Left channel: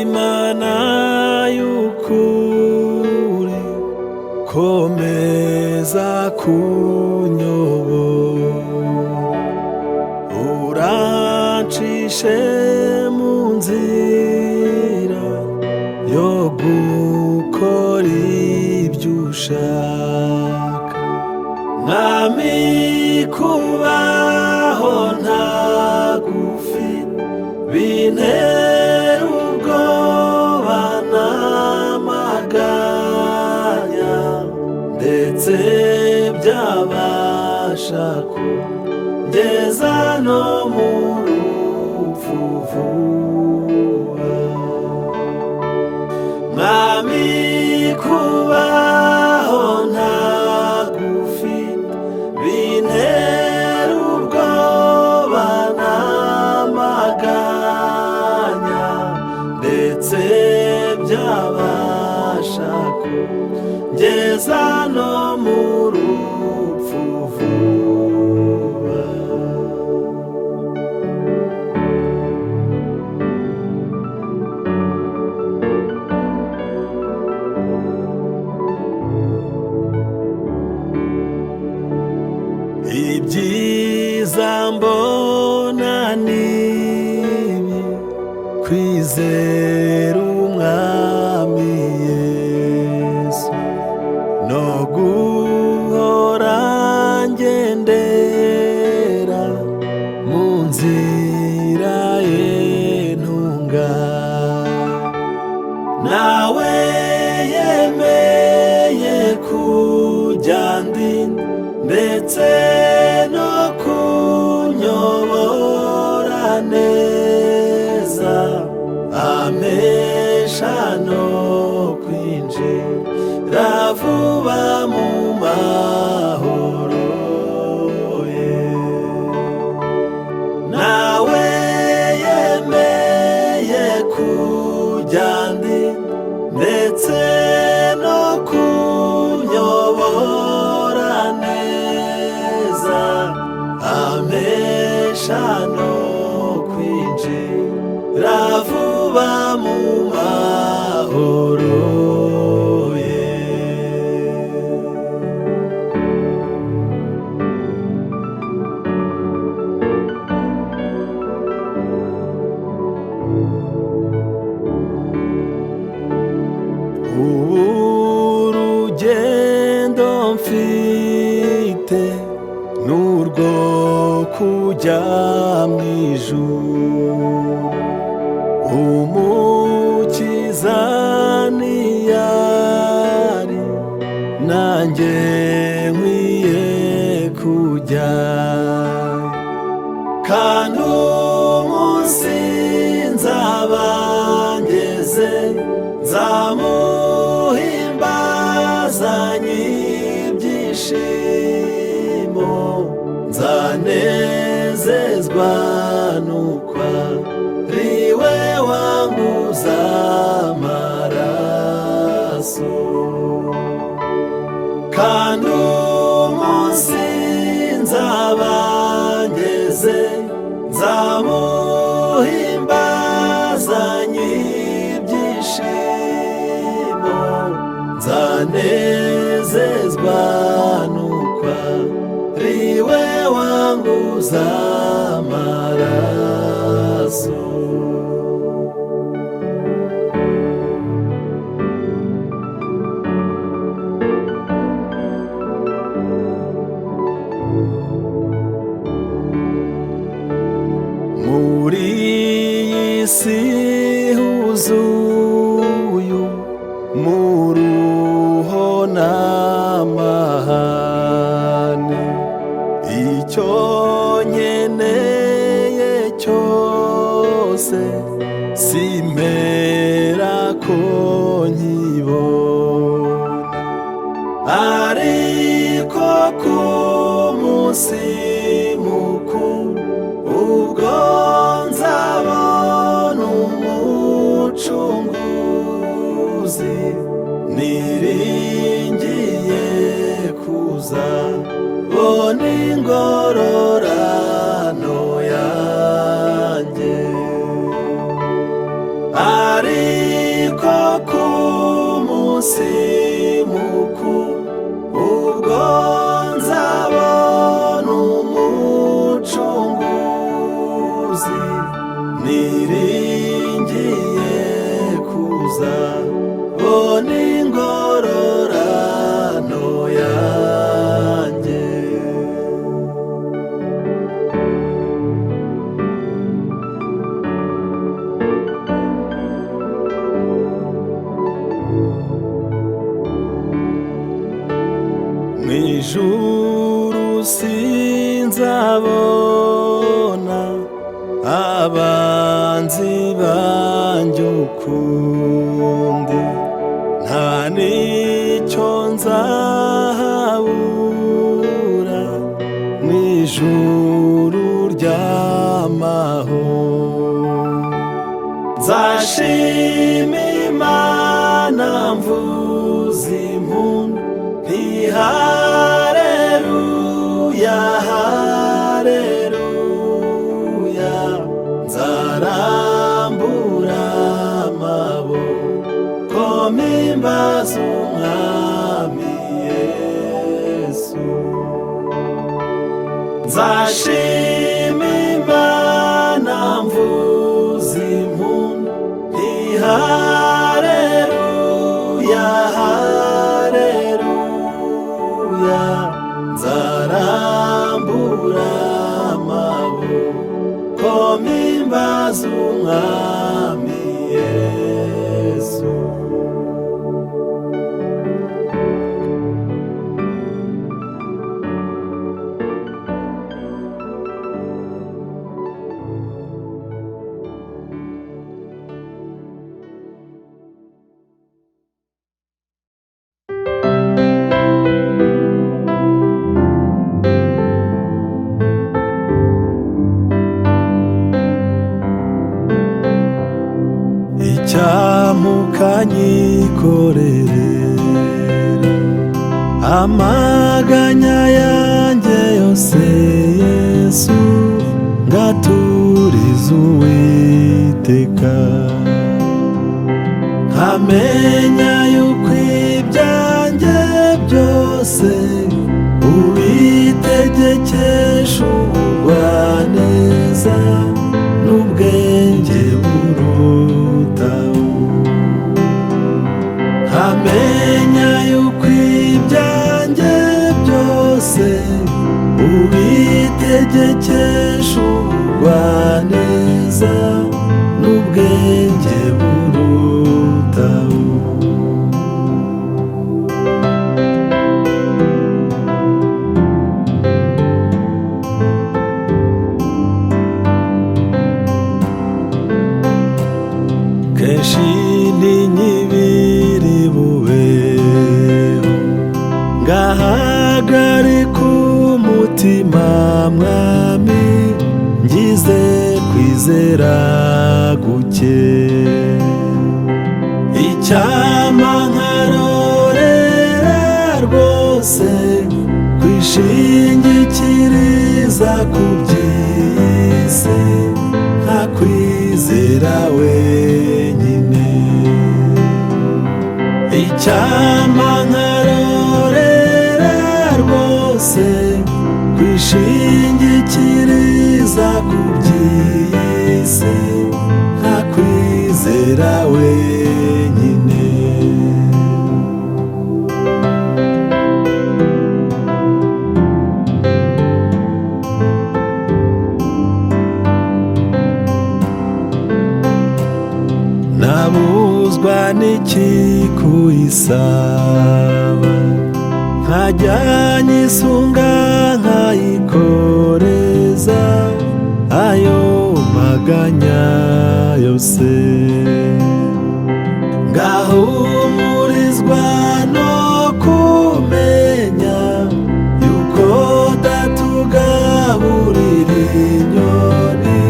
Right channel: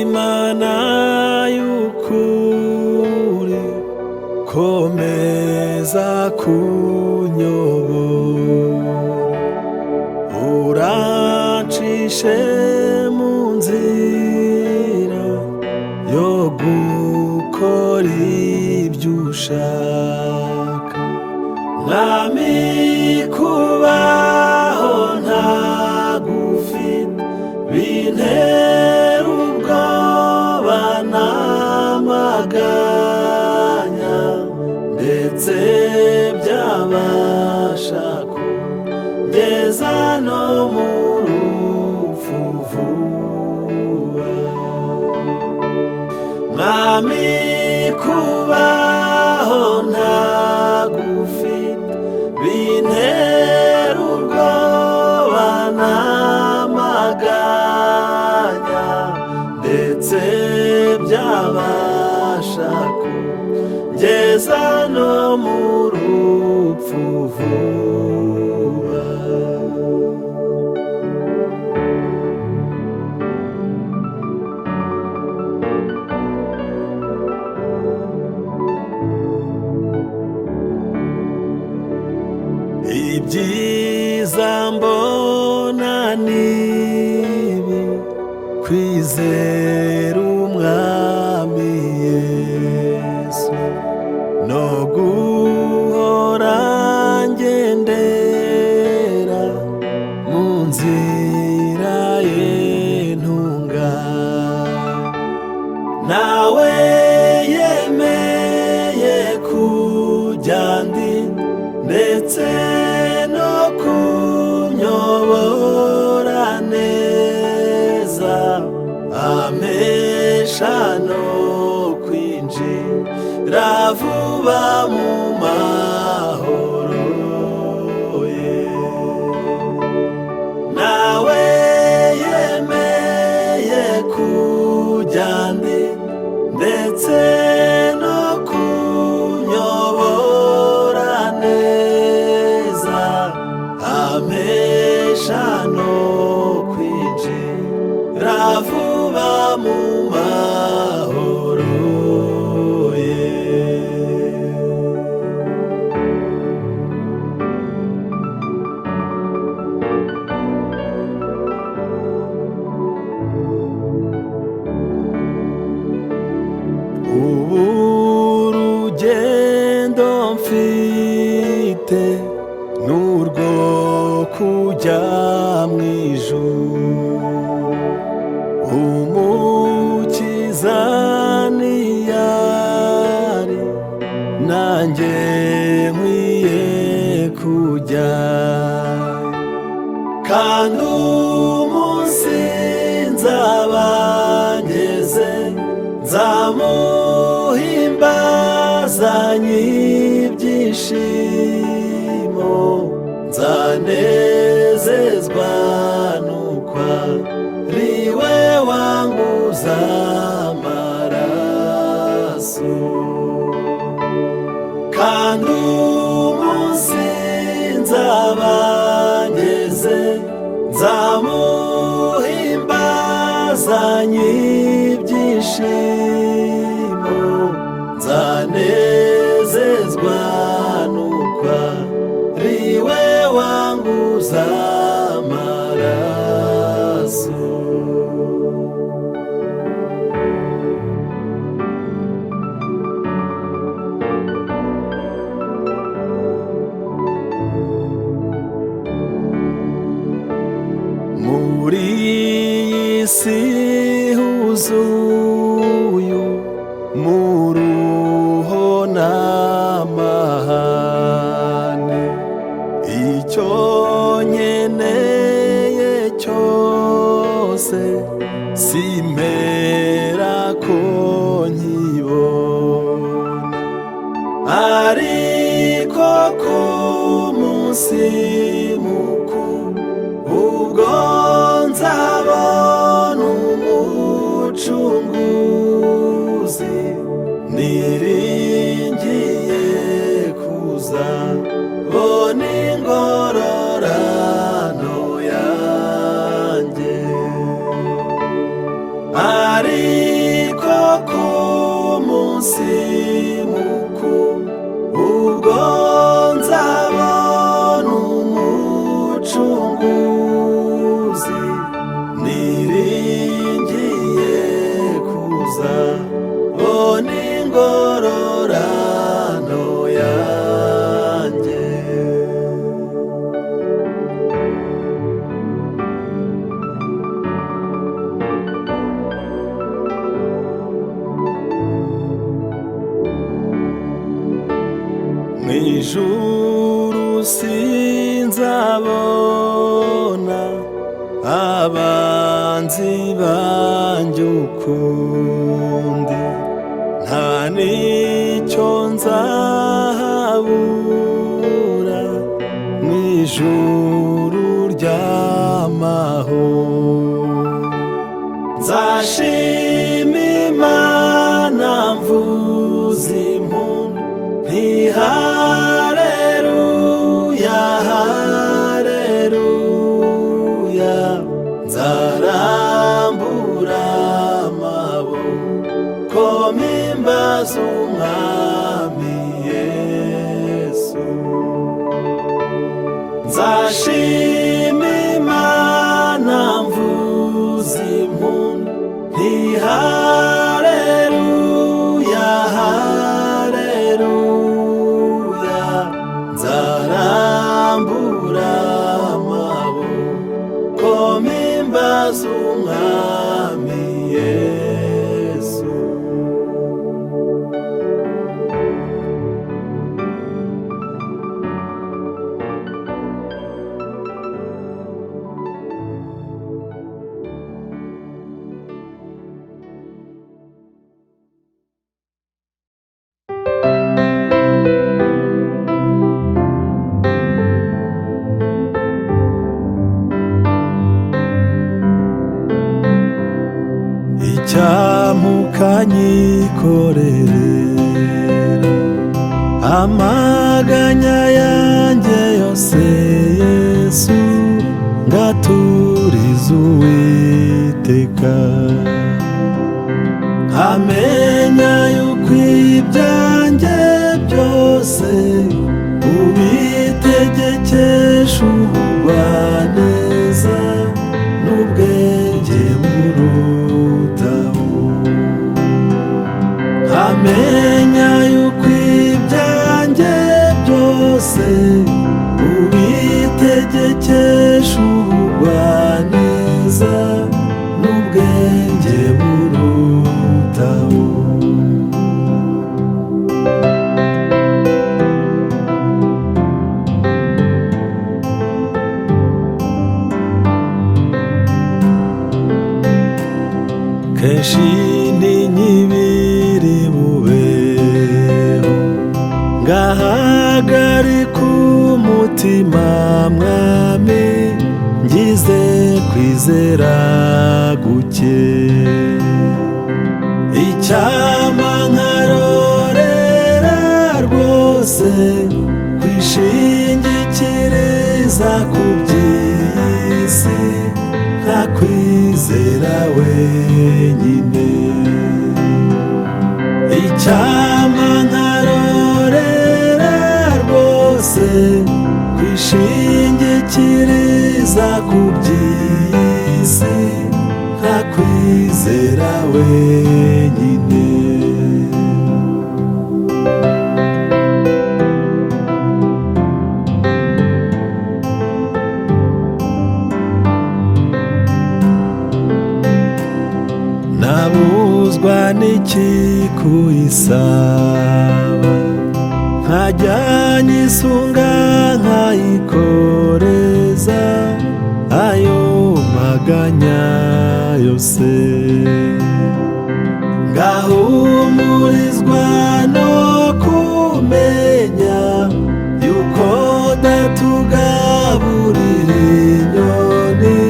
Imana y'ukuri komeza kunyobora urancishe mu nzira yo gukora ibyo ushaka mwami kubaho ntagufite bintera ubwoba n'amaganya ndetse byabasha kugeza no mu rupfu vuba mwami kubaho ntagufite bintera ubwoba n'amaganya ndetse byabasha kugeza no mu rupfu vuba ibyiza mbona nibi kwizera umwami Yesu no guhora ngendera mu nzira ye ntunganye nawe yemeye kujya ndinda ndetse no kunyobora neza ampesha no kwinjira vuba mu mahoro ye nawe yemeye kujya ndinda ndetse no kunyobora neza ampesha no kwinjira vuba mu mahoro ye ubu urugendo mfite n'urwo kujya mu ijuru umukiza niyari nanjye nkwiye kujyayo kandi umunsi nzaba ngeze nzamuhimbazanye ibyishimo nzanezezwa nuko ari we wanguza amaraso kandi umunsi nzaba ngeze nzamuhimbazanye ibyishimo nzanezezwa nuko ari we wanguza amaraso muri iyi si huzuye umuruho n'amahane icyo nkeneye cyose simpera ko nkibona ariko ku munsi mukuru ubwo nzabona umucunguzi niringiye kuzabona ingororano yanjye ariko ku munsi mukuru ubwo nzabona umucunguzi niringiye kuza bona ingororano yanjye. Mw'ijuru sinzabona abanzi banjye ukundi, nta n'icyo nzahabura mw'ijuru ry'amahoro. Nzashima Imana mvuza impundu nti haleluya haleluya, nzarambura amaboko mpimbaza umwami Yesu. Nzashima Imana mvuza impundu nti haleluya haleluya, nzarambura amaboko mpimbaza umwami Yesu. Icyamukanyikorerera amaganya yanjye yose Yesu, ngaturiza Uwiteka. Amenya yuko ibyanjye byose ubitegekesha ubugwaneza n'ubwenge burutaho. Amenya yuko ibyanjye byose ubitegekesha ubugwaneza n'ubwenge burutaho. Kenshi ntinyibiri bubeho, ngahagarika umutima mwami, ngize kwizera guke. Icyampa nkarorera rwose kwishingikiriza ku by'isi, nkakwizera wenyine. Icyampa nkarorera rwose kwishingikiriza ku by'isi, nkakwizera wenyine. Nabuzwa n'iki kuyisaba, nkajya nyisunga nkayikoreza ayo maganya yose. Ngahumurizwa no kumenya yuko datugaburira inyoni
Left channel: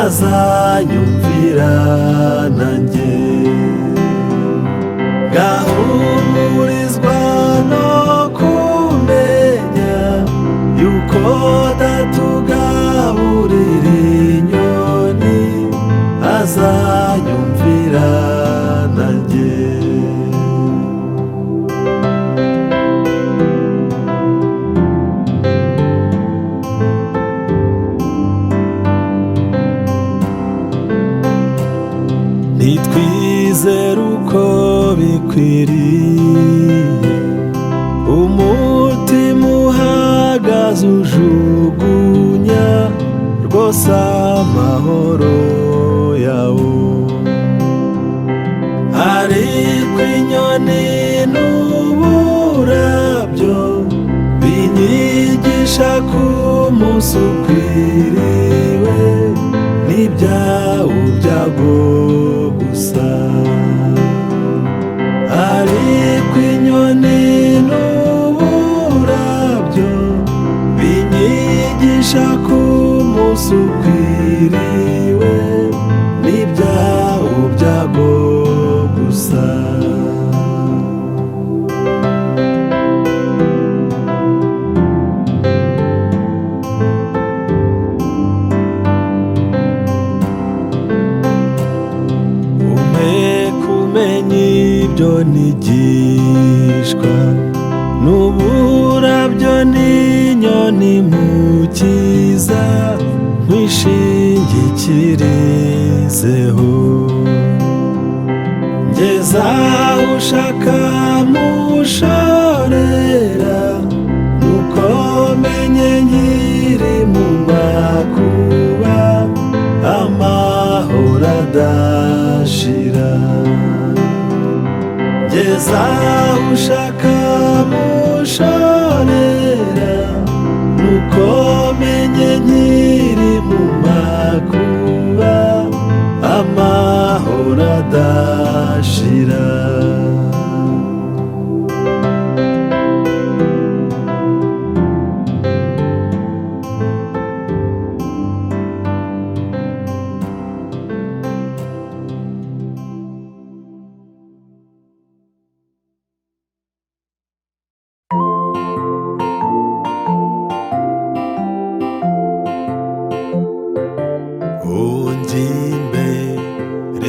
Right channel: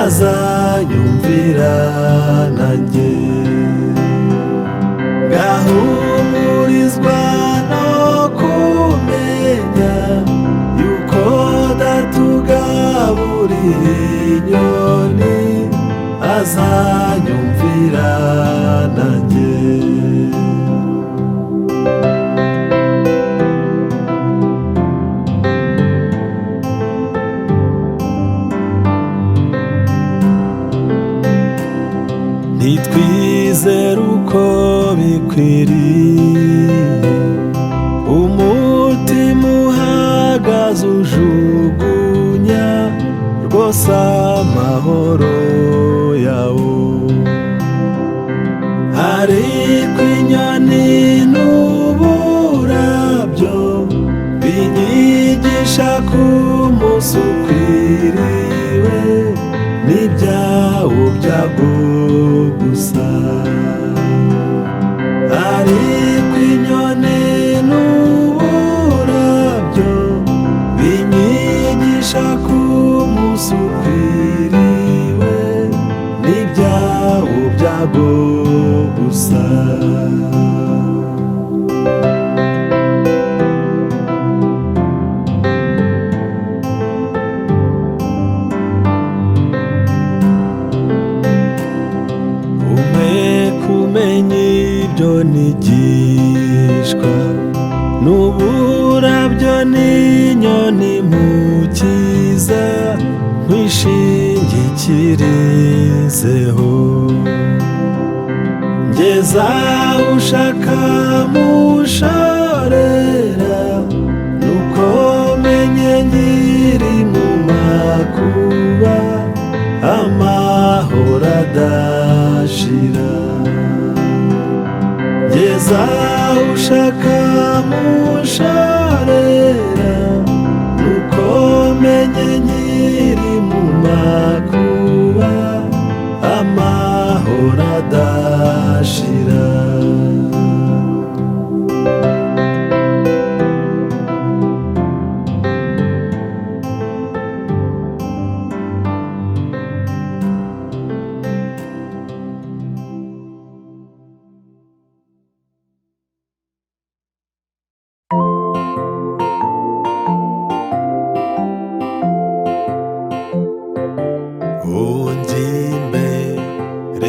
azanyumvira nanjye. Ngahumurizwa no kumenya yuko datugaburira inyoni azanyumvira nanjye. Nitwizere uko bikwiriye, umutima uhagaze ujugunya rwose amahoro yawo. Ariko inyoni n'uburabyo binyigisha ko umunsi ukwiriwe n'ibyawo byago gusa. Ariko inyoni n'uburabyo binyigisha ko umunsi ukwiriwe n'ibyawo byago gusa. Kumenya ibyo nigishwa n'uburabyo n'inyoni mu cyiza nkwishingikirizeho. Ngeza aho ushaka mushorera, nuko menye nkiri mu makuba amahoro adashira. Ngeza aho ushaka mushorera, nuko menye nkiri mu makuba amahoro adashira.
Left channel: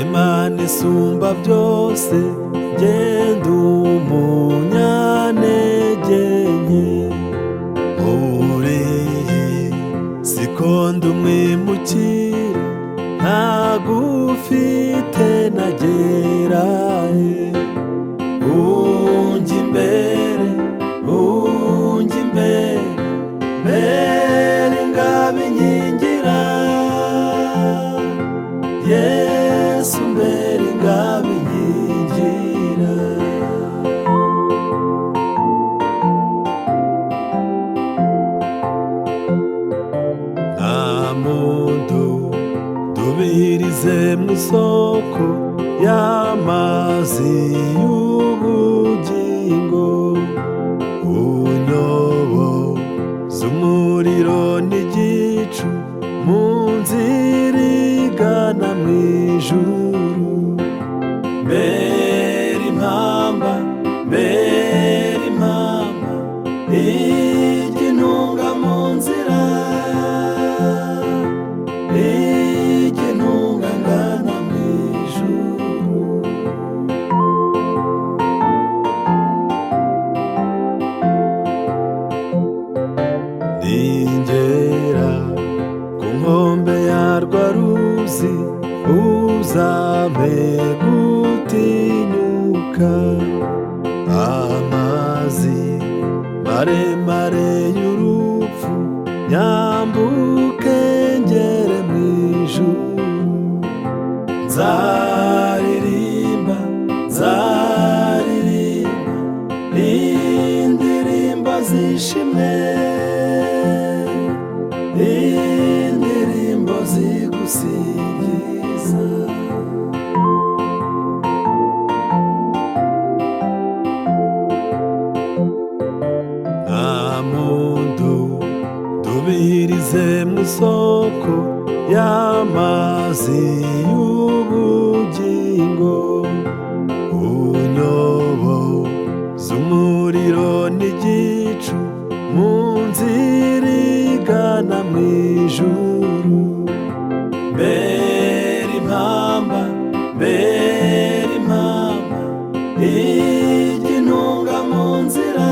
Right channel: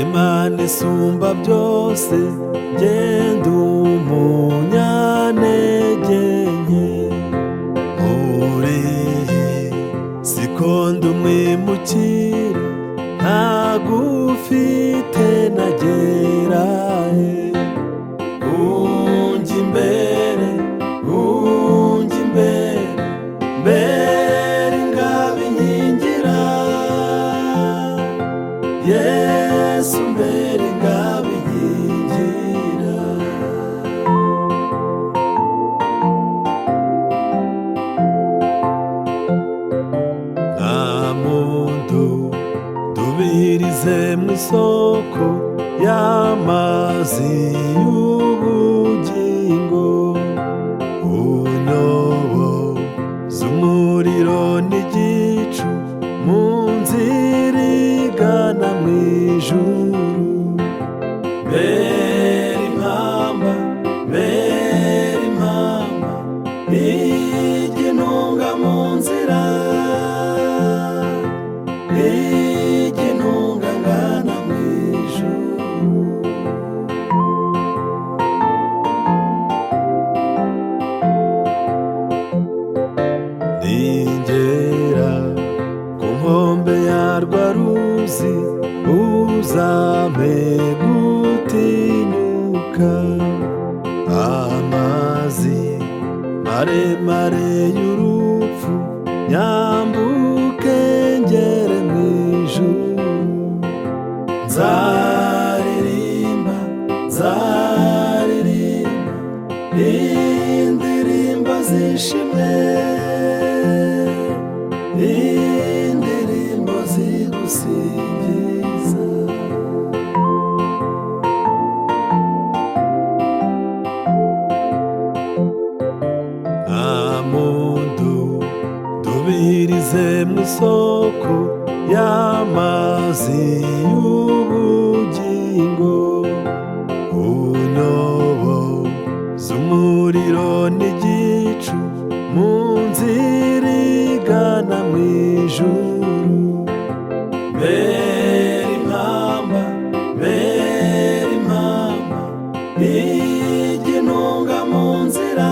Imana isumba byose, ngenda umunyantege nke. Muri siko ndi umwimukira, ntagufite nagerahe. Unjya imbere, unjya imbere, mbere ingabo inkingira. Yesu mbere ingabo inkingira. Nta muntu dubirize mu isoko y'amazi y'ubugingo. Unyoboza umuriro n'igicu mu nzira igana mu ijuru. Mbere impamba, mbere impamba, igintunga mu nzira, igintunga ngana mu ijuru. Ningera ku nkombe yarwa ruzi, uzampe gutinyuka. Amazi maremare y'urupfu nyambuke ngere mu ijuru. Nzaririmba, nzaririmba indirimbo z'ishimwe, indirimbo zigusingiza. Nta muntu dubirize mu isoko y'amazi y'ubugingo. Unyoboza umuriro n'igicu mu nzira igana mu ijuru. Mbere impamba, igintunga mu nzira,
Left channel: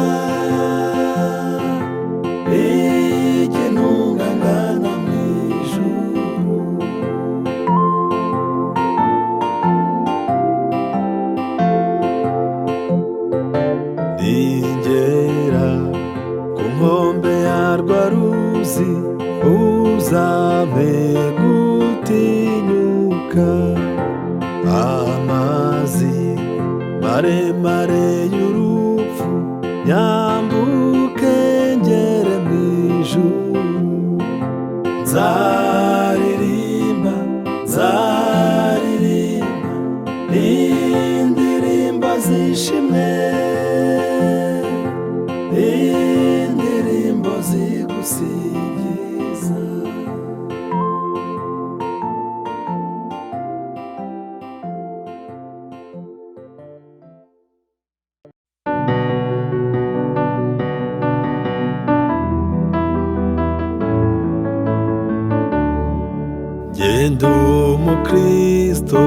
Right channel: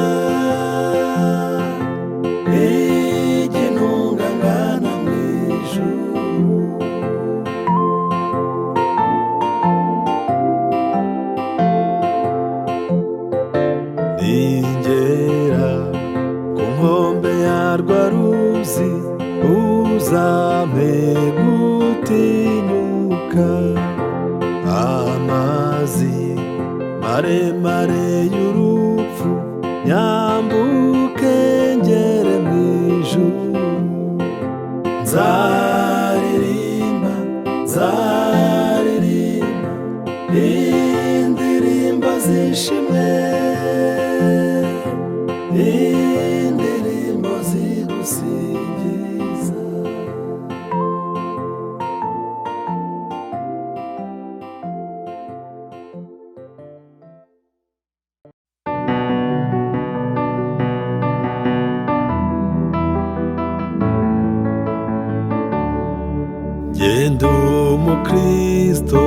igintunga ngana mu ijuru. Ningera ku nkombe yarwa ruzi, uzampe gutinyuka. Amazi maremare y'urupfu nyambuke ngere mu ijuru. Nzaririmba, nzaririmba indirimbo z'ishimwe, indirimbo zigusingiza. Jye umukristo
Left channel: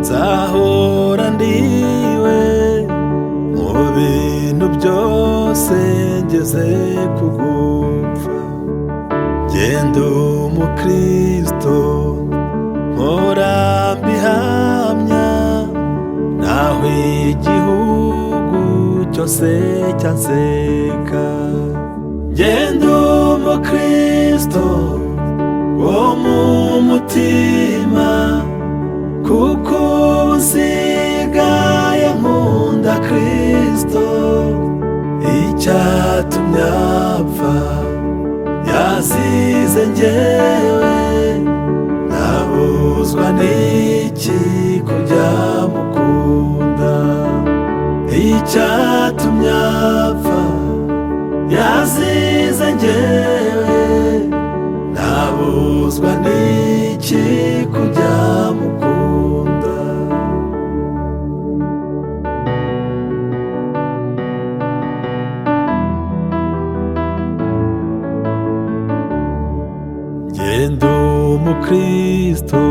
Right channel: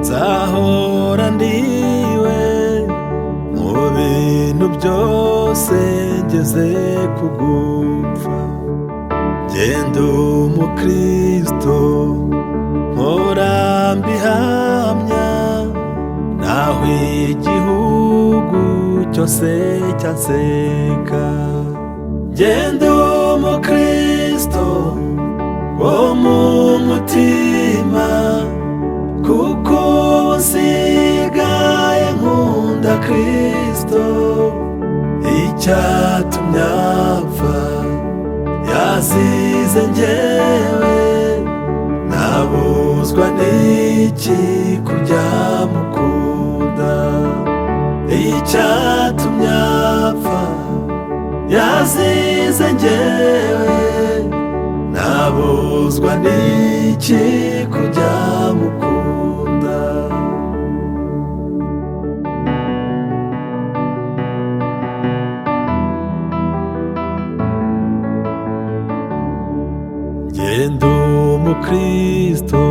nzahora ndiwe, mu bintu byose ngeze kugupfa. Jye umukristo mpora mbihamya, naho igihugu cyose cyanseka. Jye umukristo wo mu mutima, kuko usigaye nkunda Kristo. Icyatumye apfa yazize njyewe, nabuzwa n'iki kujya mukunda. Icyatumye apfa yazize njyewe, nabuzwa n'iki kujya mukunda. Jye umukristo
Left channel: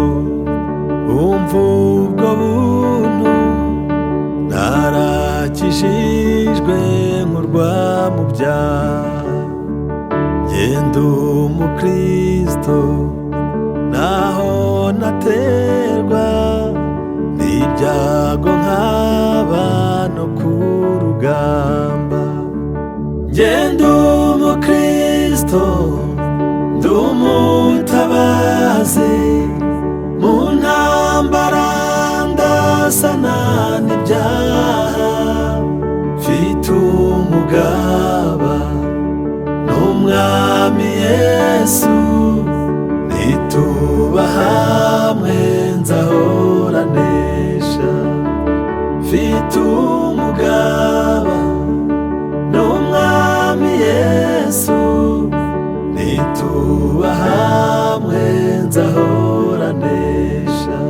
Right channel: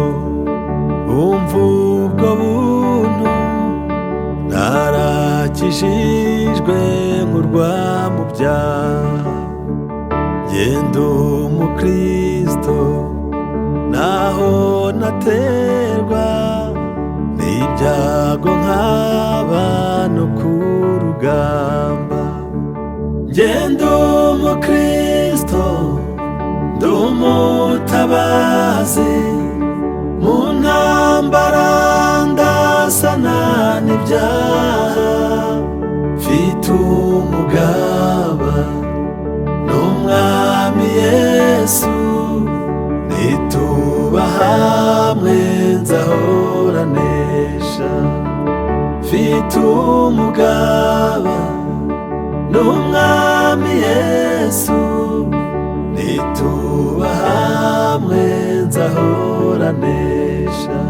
umva ubwo buntu, narakijijwe nkurwa mu byaha. Jye umukristo naho naterwa n'ibyago nkaba no ku rugamba. Jye umukristo ndi umutabazi, mu ntambara ndasana n'ibyaha. Mfite umugaba n'umwami Yesu, nituba hamwe nzahora nesha. Mfite umugaba n'umwami Yesu, nituba hamwe nzahora nesha.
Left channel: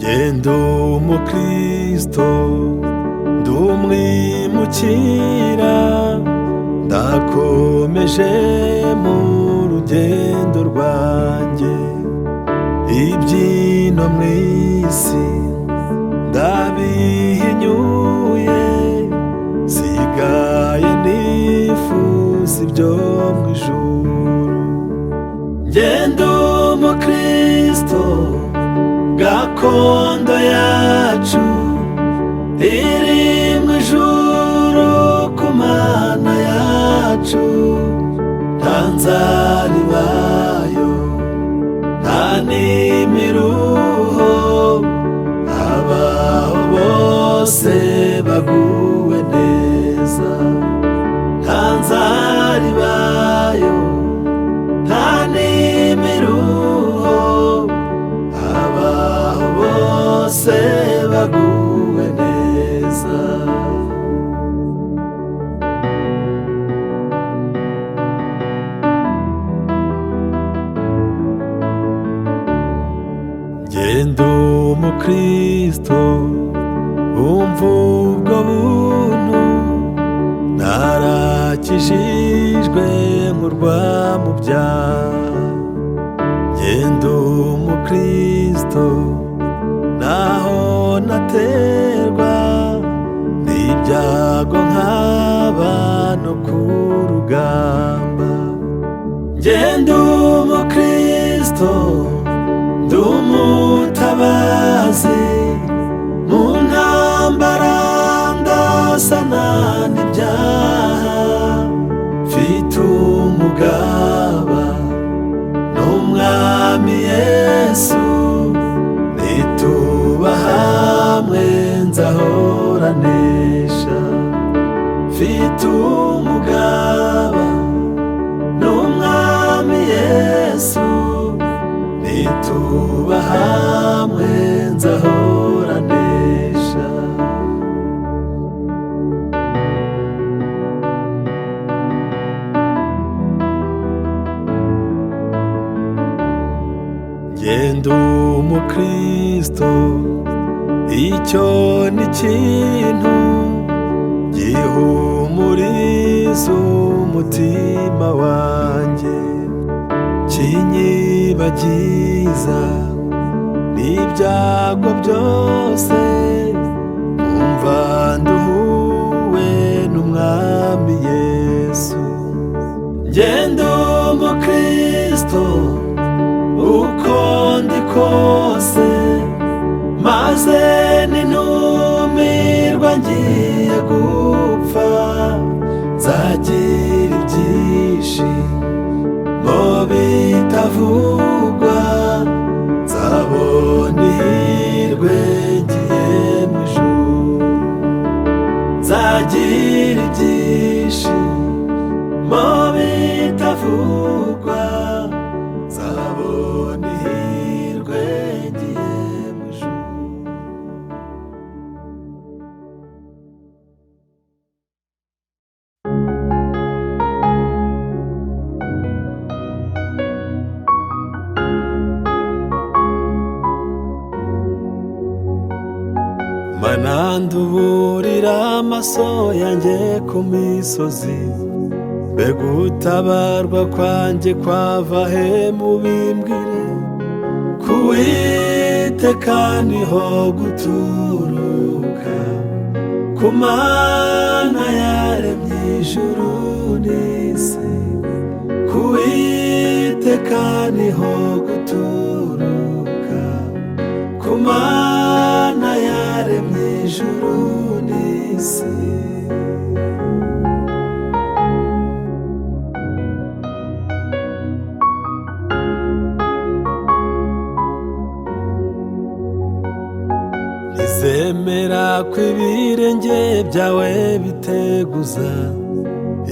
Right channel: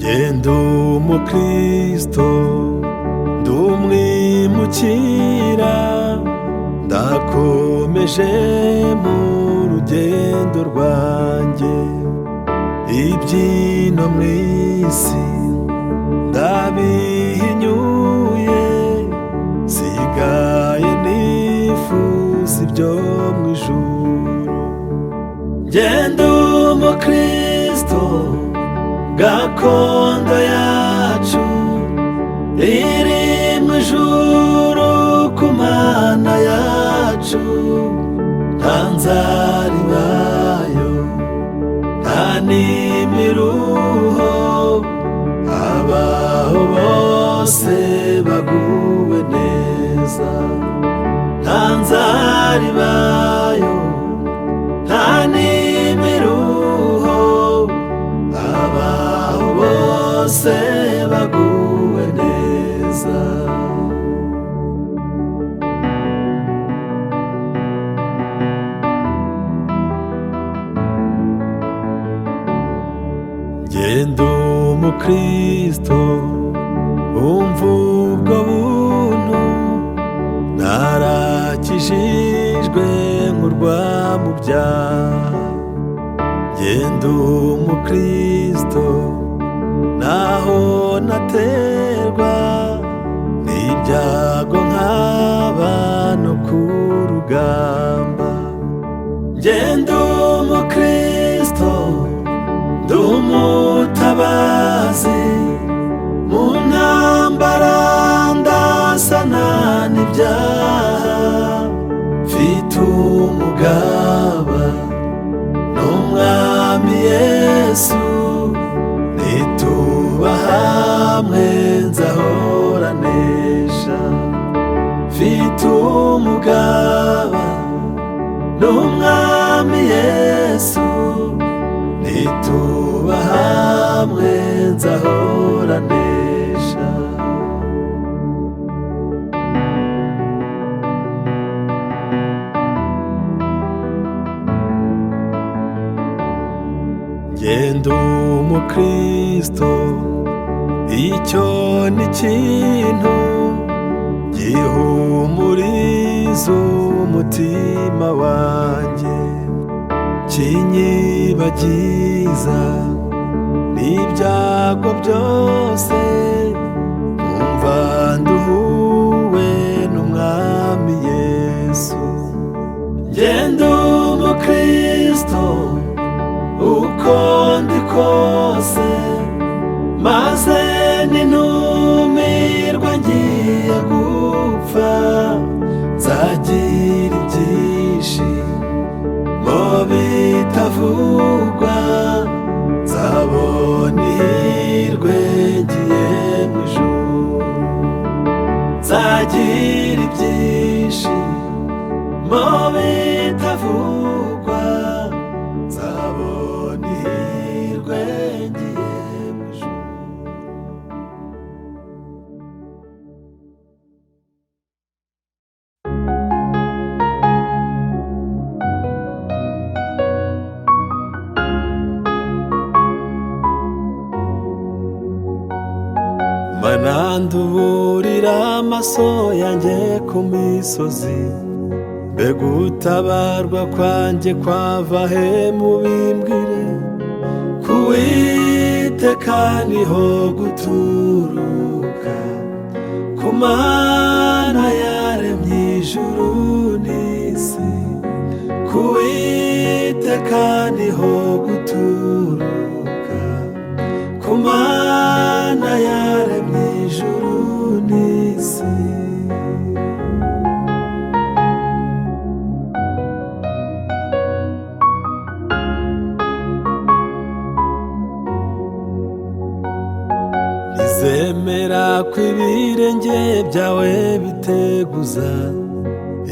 Jye umukristo ndi umwimukira, ndakomeje mu rugendo rwanjye. Ibyino mu isi ndabihinyuye, sigaye nifuza ibyo mu ijuru. Jye umukristo gakondo yacu iri mu ijuru ku Mana yacu. Nta nzara ibayo, nta n'imiruho, abaho bose baguwe neza. Nta nzara ibayo, nta n'imiruho, abaho bose baguwe neza. Jye umukristo umva ubwo buntu, narakijijwe nkurwa mu byaha, ngenda umukristo naho naterwa n'ibyago nkaba no ku rugamba. Ngenda umukristo ndi umutabazi, mu ntambara ndasana n'ibyaha, mfite umugaba n'umwami Yesu, nituba hamwe nzahora nesha. Mfite umugaba n'umwami Yesu, nituba hamwe nzahora nesha. Ngenda umukristo, icyo ni ikintu gihumuriza umutima wanjye, kinyibagiza n'ibyago byose, nkumva nduhuwe n'umwami Yesu. Ngenda umukristo uko ndi kose, maze nintumirwa ngiye gupfa, nzagira ibyishimo bitavugwa, nzabona ihirwe ngiye mu ijuru. Nzagira ibyishimo bitavugwa, nzabona ihirwe ngiye mu ijuru. Mana nduburira amaso yanjye ku misozi, mbega utabarwa kwanjye kwava he mubimbwire? Ku Uwiteka niho guturuka, ku Mana yaremye ijuru n'isi. Ku Uwiteka niho guturuka, ku Mana yaremye ijuru n'isi. Ntizemera ko ibirenge byawe biteguza,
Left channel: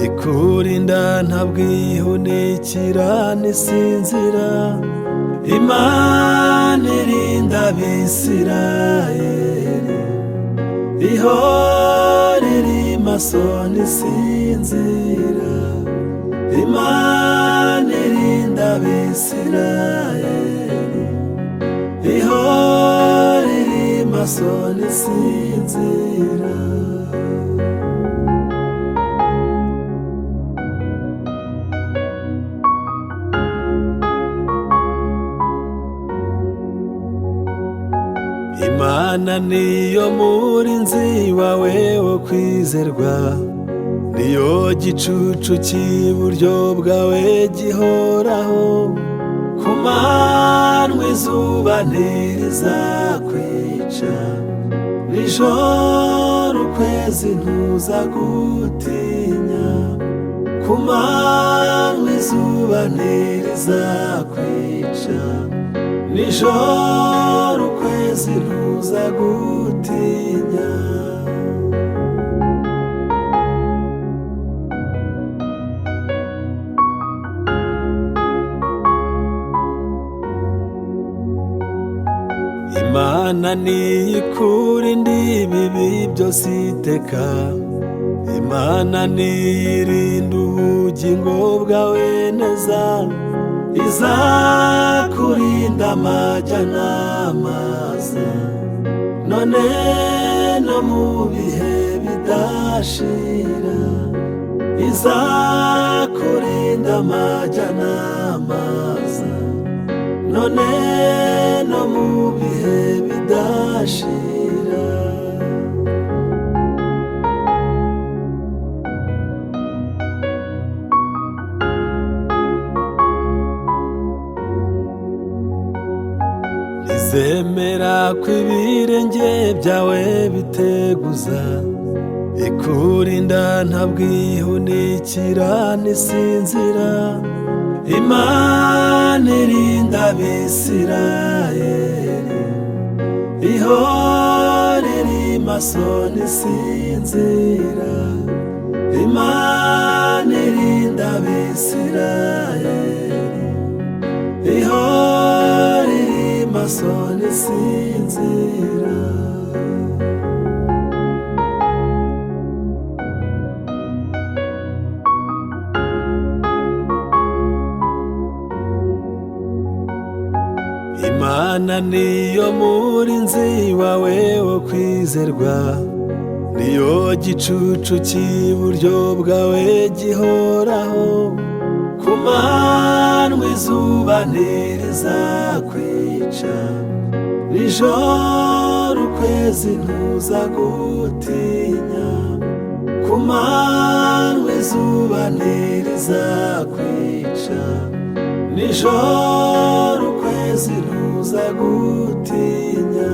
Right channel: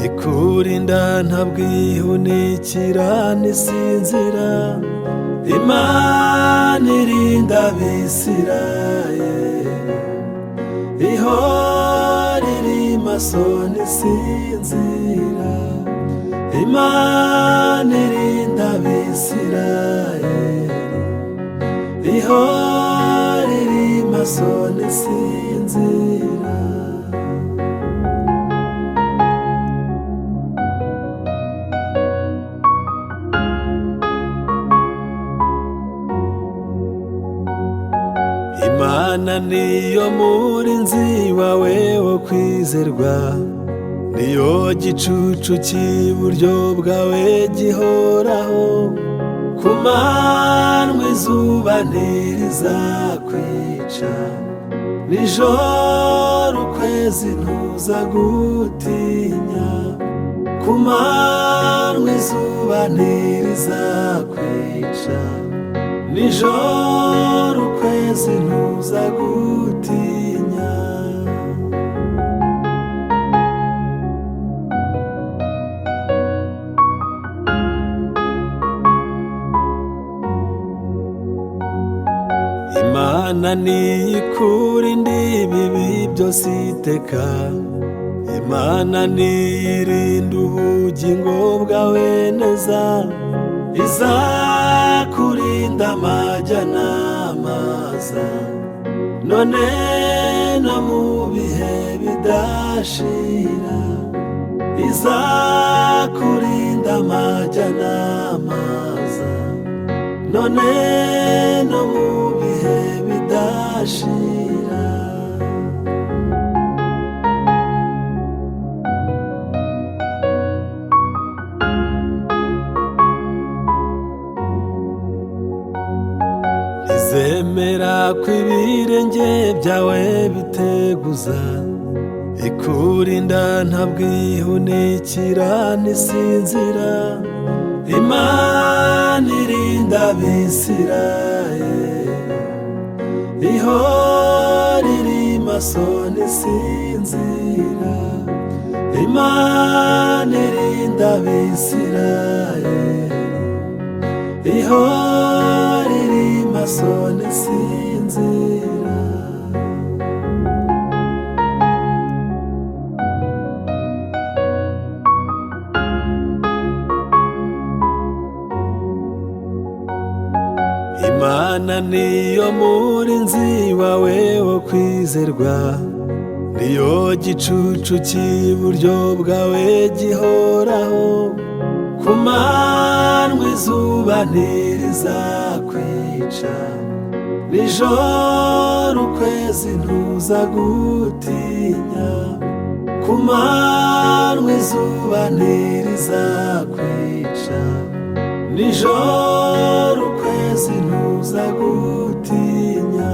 ikurinda ntabwihunikira n'isinzira. Imana irinda Abisirayeli, ihora iri maso ntisinzira. Imana irinda Abisirayeli, ihora iri maso ntisinzira. Imana niyo murinzi wawe wo kwizerwa, niyo gicucu cy'iburyo bwawe gihoraho. Ku manywa izuba ntirizakwica, nijoro ukwezi ntuzagutinya. Ku manywa izuba ntirizakwica, nijoro ukwezi ntuzagutinya. Imana niyikurinda ibibi byose iteka, Imana niyirinda ubugingo bwawe neza. Izakurinda amajya n'amaza, none no mu bihe bidashira. izakurinda amajya n'amaza, none no mu bihe bidashira. Ntizemera ko ibirenge byawe biteguza, ikurinda ntabwihunikira ntisinzira. Imana irinda Abisirayeli, ihora iri maso ntisinzira. Imana irinda Abisirayeli, ihora iri maso ntisinzira. Imana niyo murinzi wawe wo kwizerwa, niyo gicucu cy'iburyo bwawe gihoraho. Ku manywa izuba ntirizakwica, nijoro ukwezi ntuzagutinya. Ku manywa izuba ntirizakwica, nijoro ukwezi ntuzagutinya.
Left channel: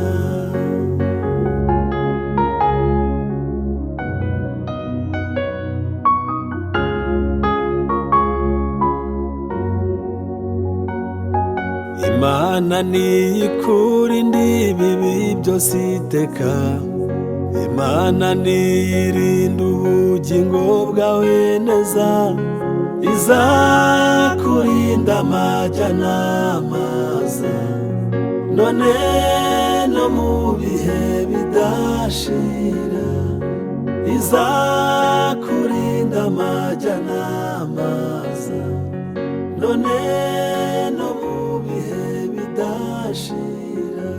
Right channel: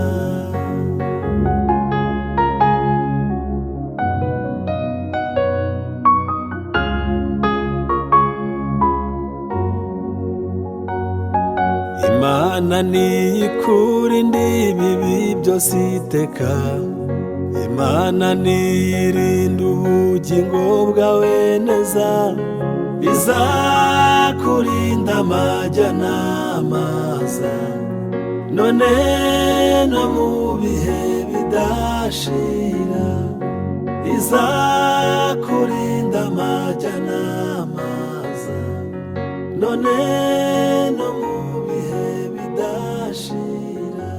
Imana niyikurinda ibibi byose iteka, Imana niyirinda ubugingo bwawe neza. Izakurinda amajya n'amaza, none no mu bihe bidashira. Izakurinda amajya n'amaza, none no mu bihe bidashira.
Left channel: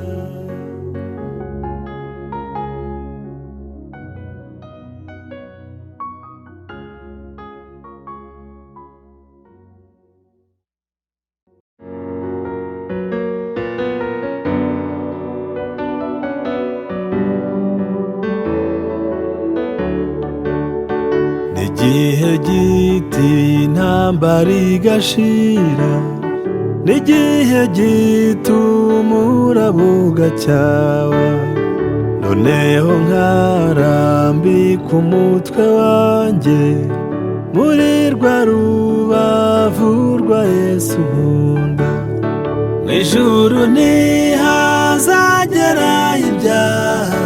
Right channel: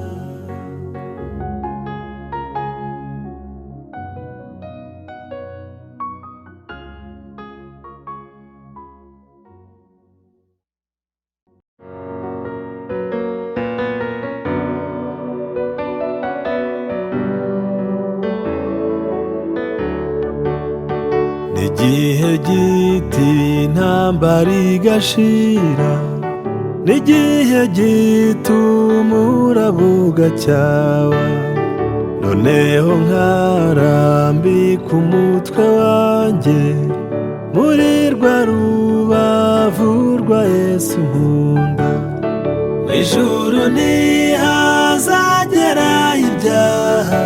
N'igihe giti intambara igashira, n'igihe gito umuraba ugacyawa. Noneho nkarambika umutwe wanjye muri rwa rubavu rwa Yesu nkunda. Mw'ijuru ntihazagera ibyaha,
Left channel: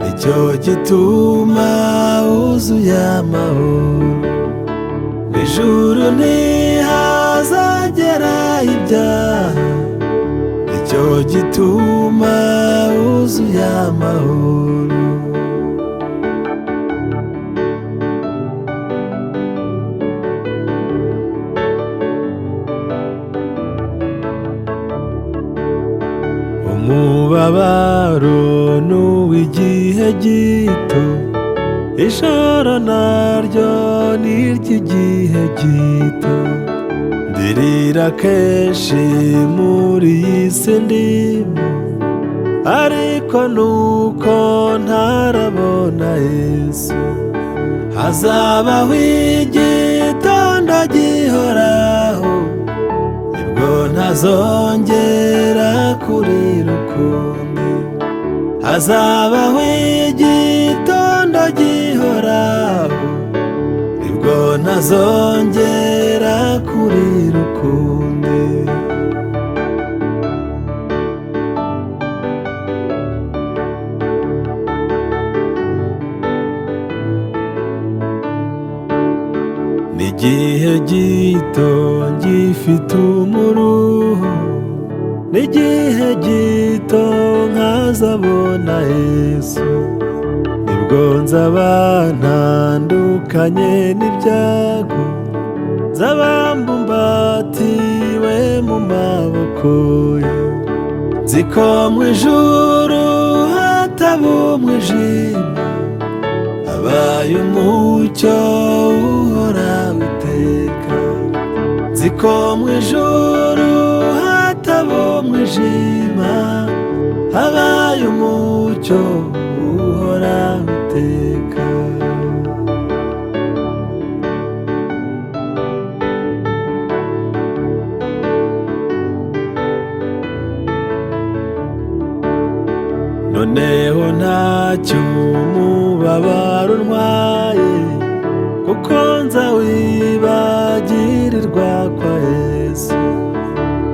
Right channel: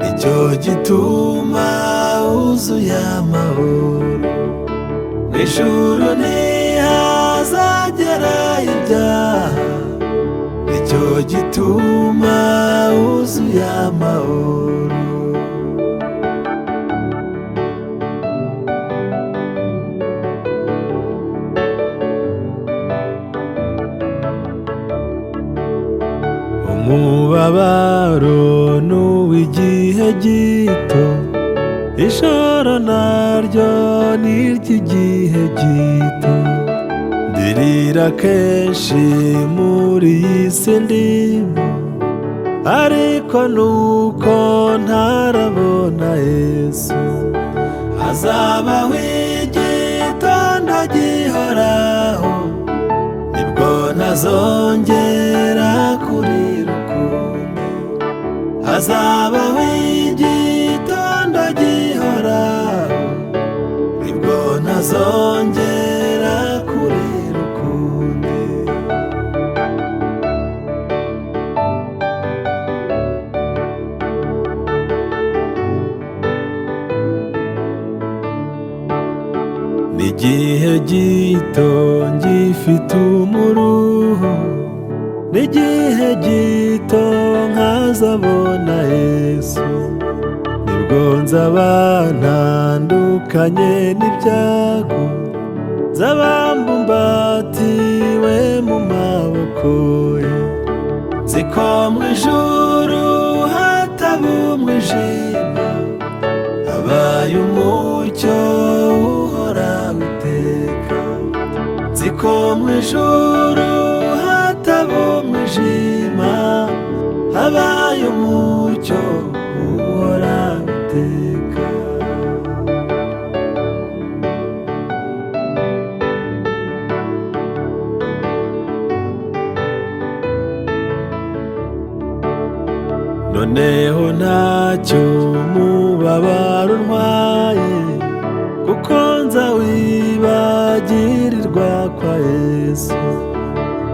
nicyo gituma wuzuye amahoro. Mw'ijuru ntihazagera ibyaha, nicyo gituma wuzuye amahoro. Umubabaro n'uw'igihe gito, ijoro naryo n'iry'igihe gito. Ndirira kenshi muri iyi si ndimo, ariko nuko ntarabona Yesu. Hazabaho igitondo gihoraho, nibwo ntazongera kurira ukundi. Hazabaho igitondo gihoraho, nibwo ntazongera kurira ukundi. N'igihe gito ngifite umuruho, n'igihe gito nkazabona Yesu. Nibwo nzaba ntandukanye n'ibyago, nzaba mbumbatiwe mu maboko ye. Nzi ko mw'ijuru hataba umwijima, habaye umucyo uhoraho iteka, nzi ko mu ijuru hataba umwijima, habaye umucyo uhoraho iteka. noneho ntacyo umubabaro untwaye, kuko nzawibagirirwa kwa Yesu.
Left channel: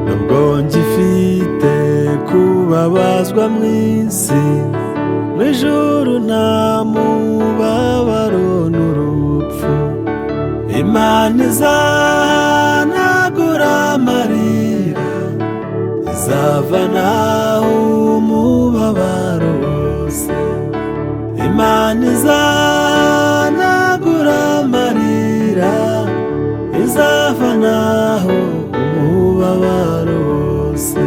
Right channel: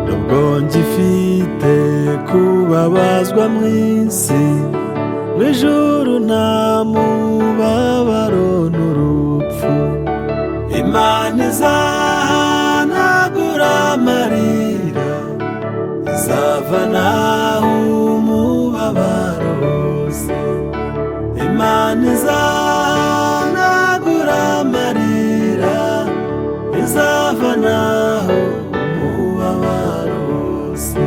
nubwo ngifite kubabazwa mu isi, mu ijuru nta mubabaro n'urupfu. Imana izahanagura amarira, izavanaho umubabaro wose. Imana izahanagura amarira, izavanaho umubabaro wose.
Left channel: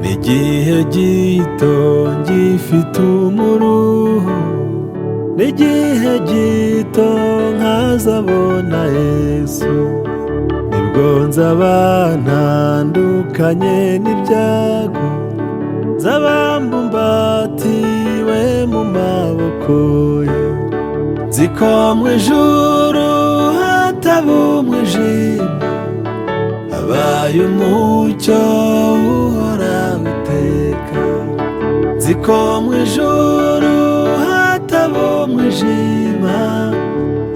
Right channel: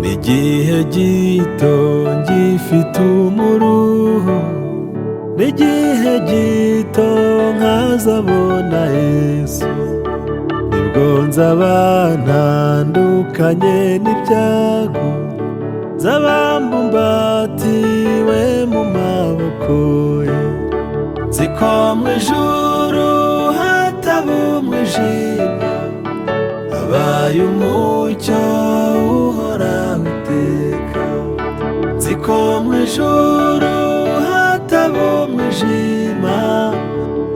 n'igihe gito ngifite umuruho, n'igihe gito nkazabona Yesu, nibwo nzaba ntandukanye n'ibyago, nzaba mbumbatiwe mu maboko ye. nzi ko mu ijuru hataba umwijima, habaye umucyo uhoraho iteka. nzi ko mu ijuru hataba umwijima,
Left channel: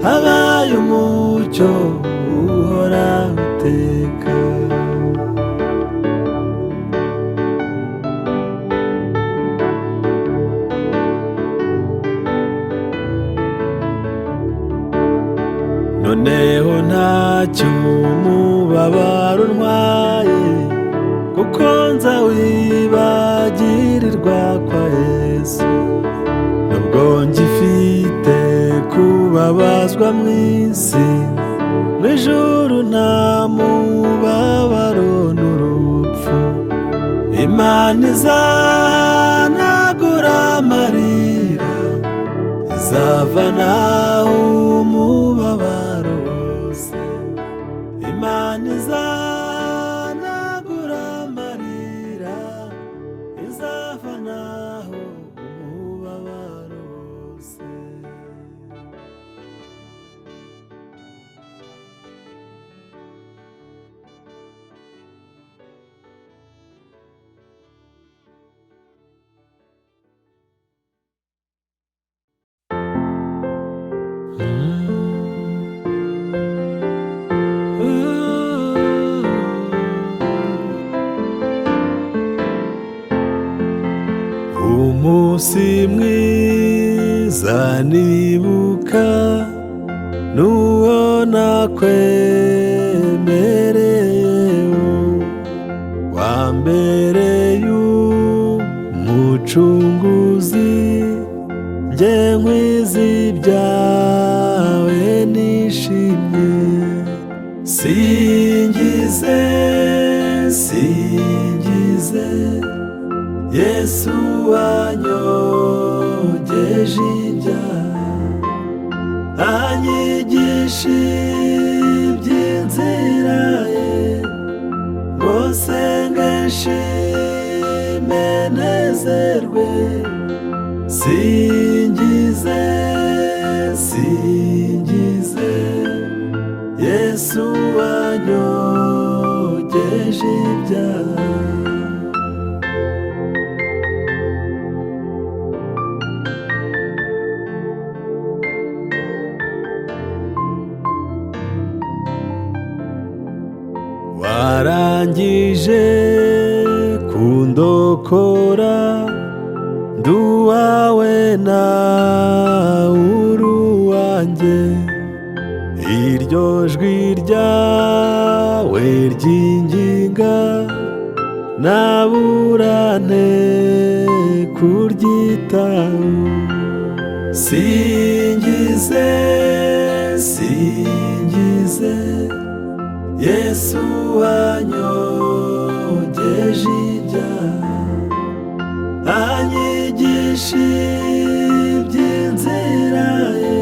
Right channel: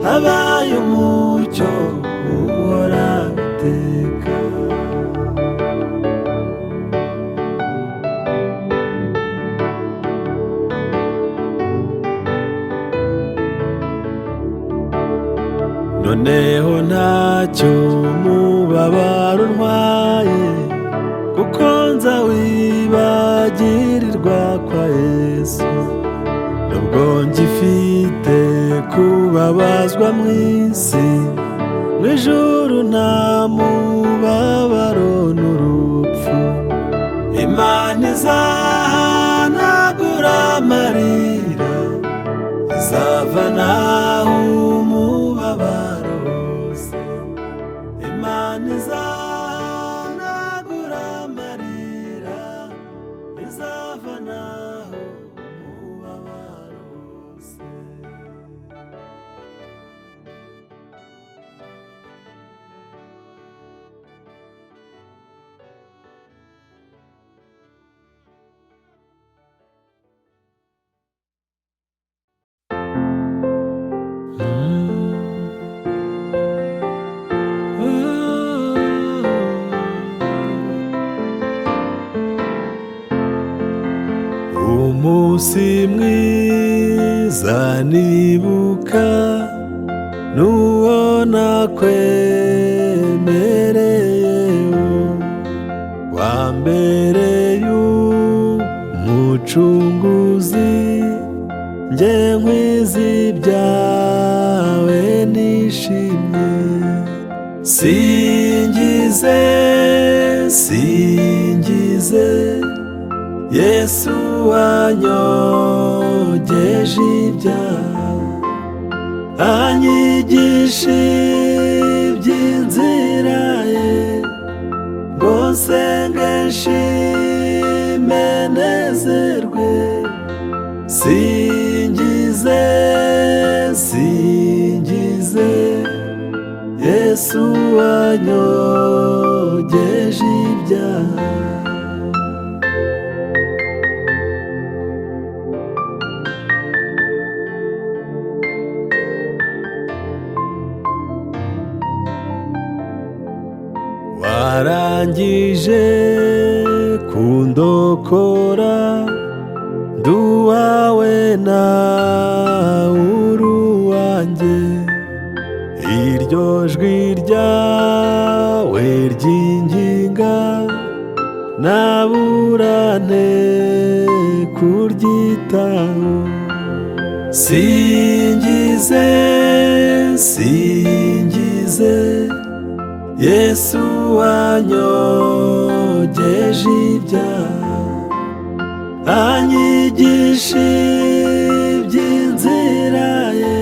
habaye umucyo uhoraho iteka. noneho ntacyo umubabaro untwaye, kuko nzawibagirirwa kwa Yesu. nubwo ngifite kubabazwa mu isi, mu ijuru nta mubabaro n'urupfu. Imana izahanagura amarira, izavanaho umubabaro wose. Imana izahanagura amarira, izavanaho umubabaro wose. umunsi mwiza nibuka, n'uwo nakwemereyeho, wambereye umucunguzi, njye nkwiza ibyawe nishimye. singize singize Yesu wanyogeje ibyaha, anyigisha iby'inzira ye, ngo nsenge nshime nezerwe. singize singize Yesu wanyogeje ibyaha. warangije kundokora, nduwawe nawe uri uwanjye. iryo jwi ryawe ryinginga, nabura nte kuryitaho. singize singize Yesu wanyogeje ibyaha, anyigisha iby'inzira ye,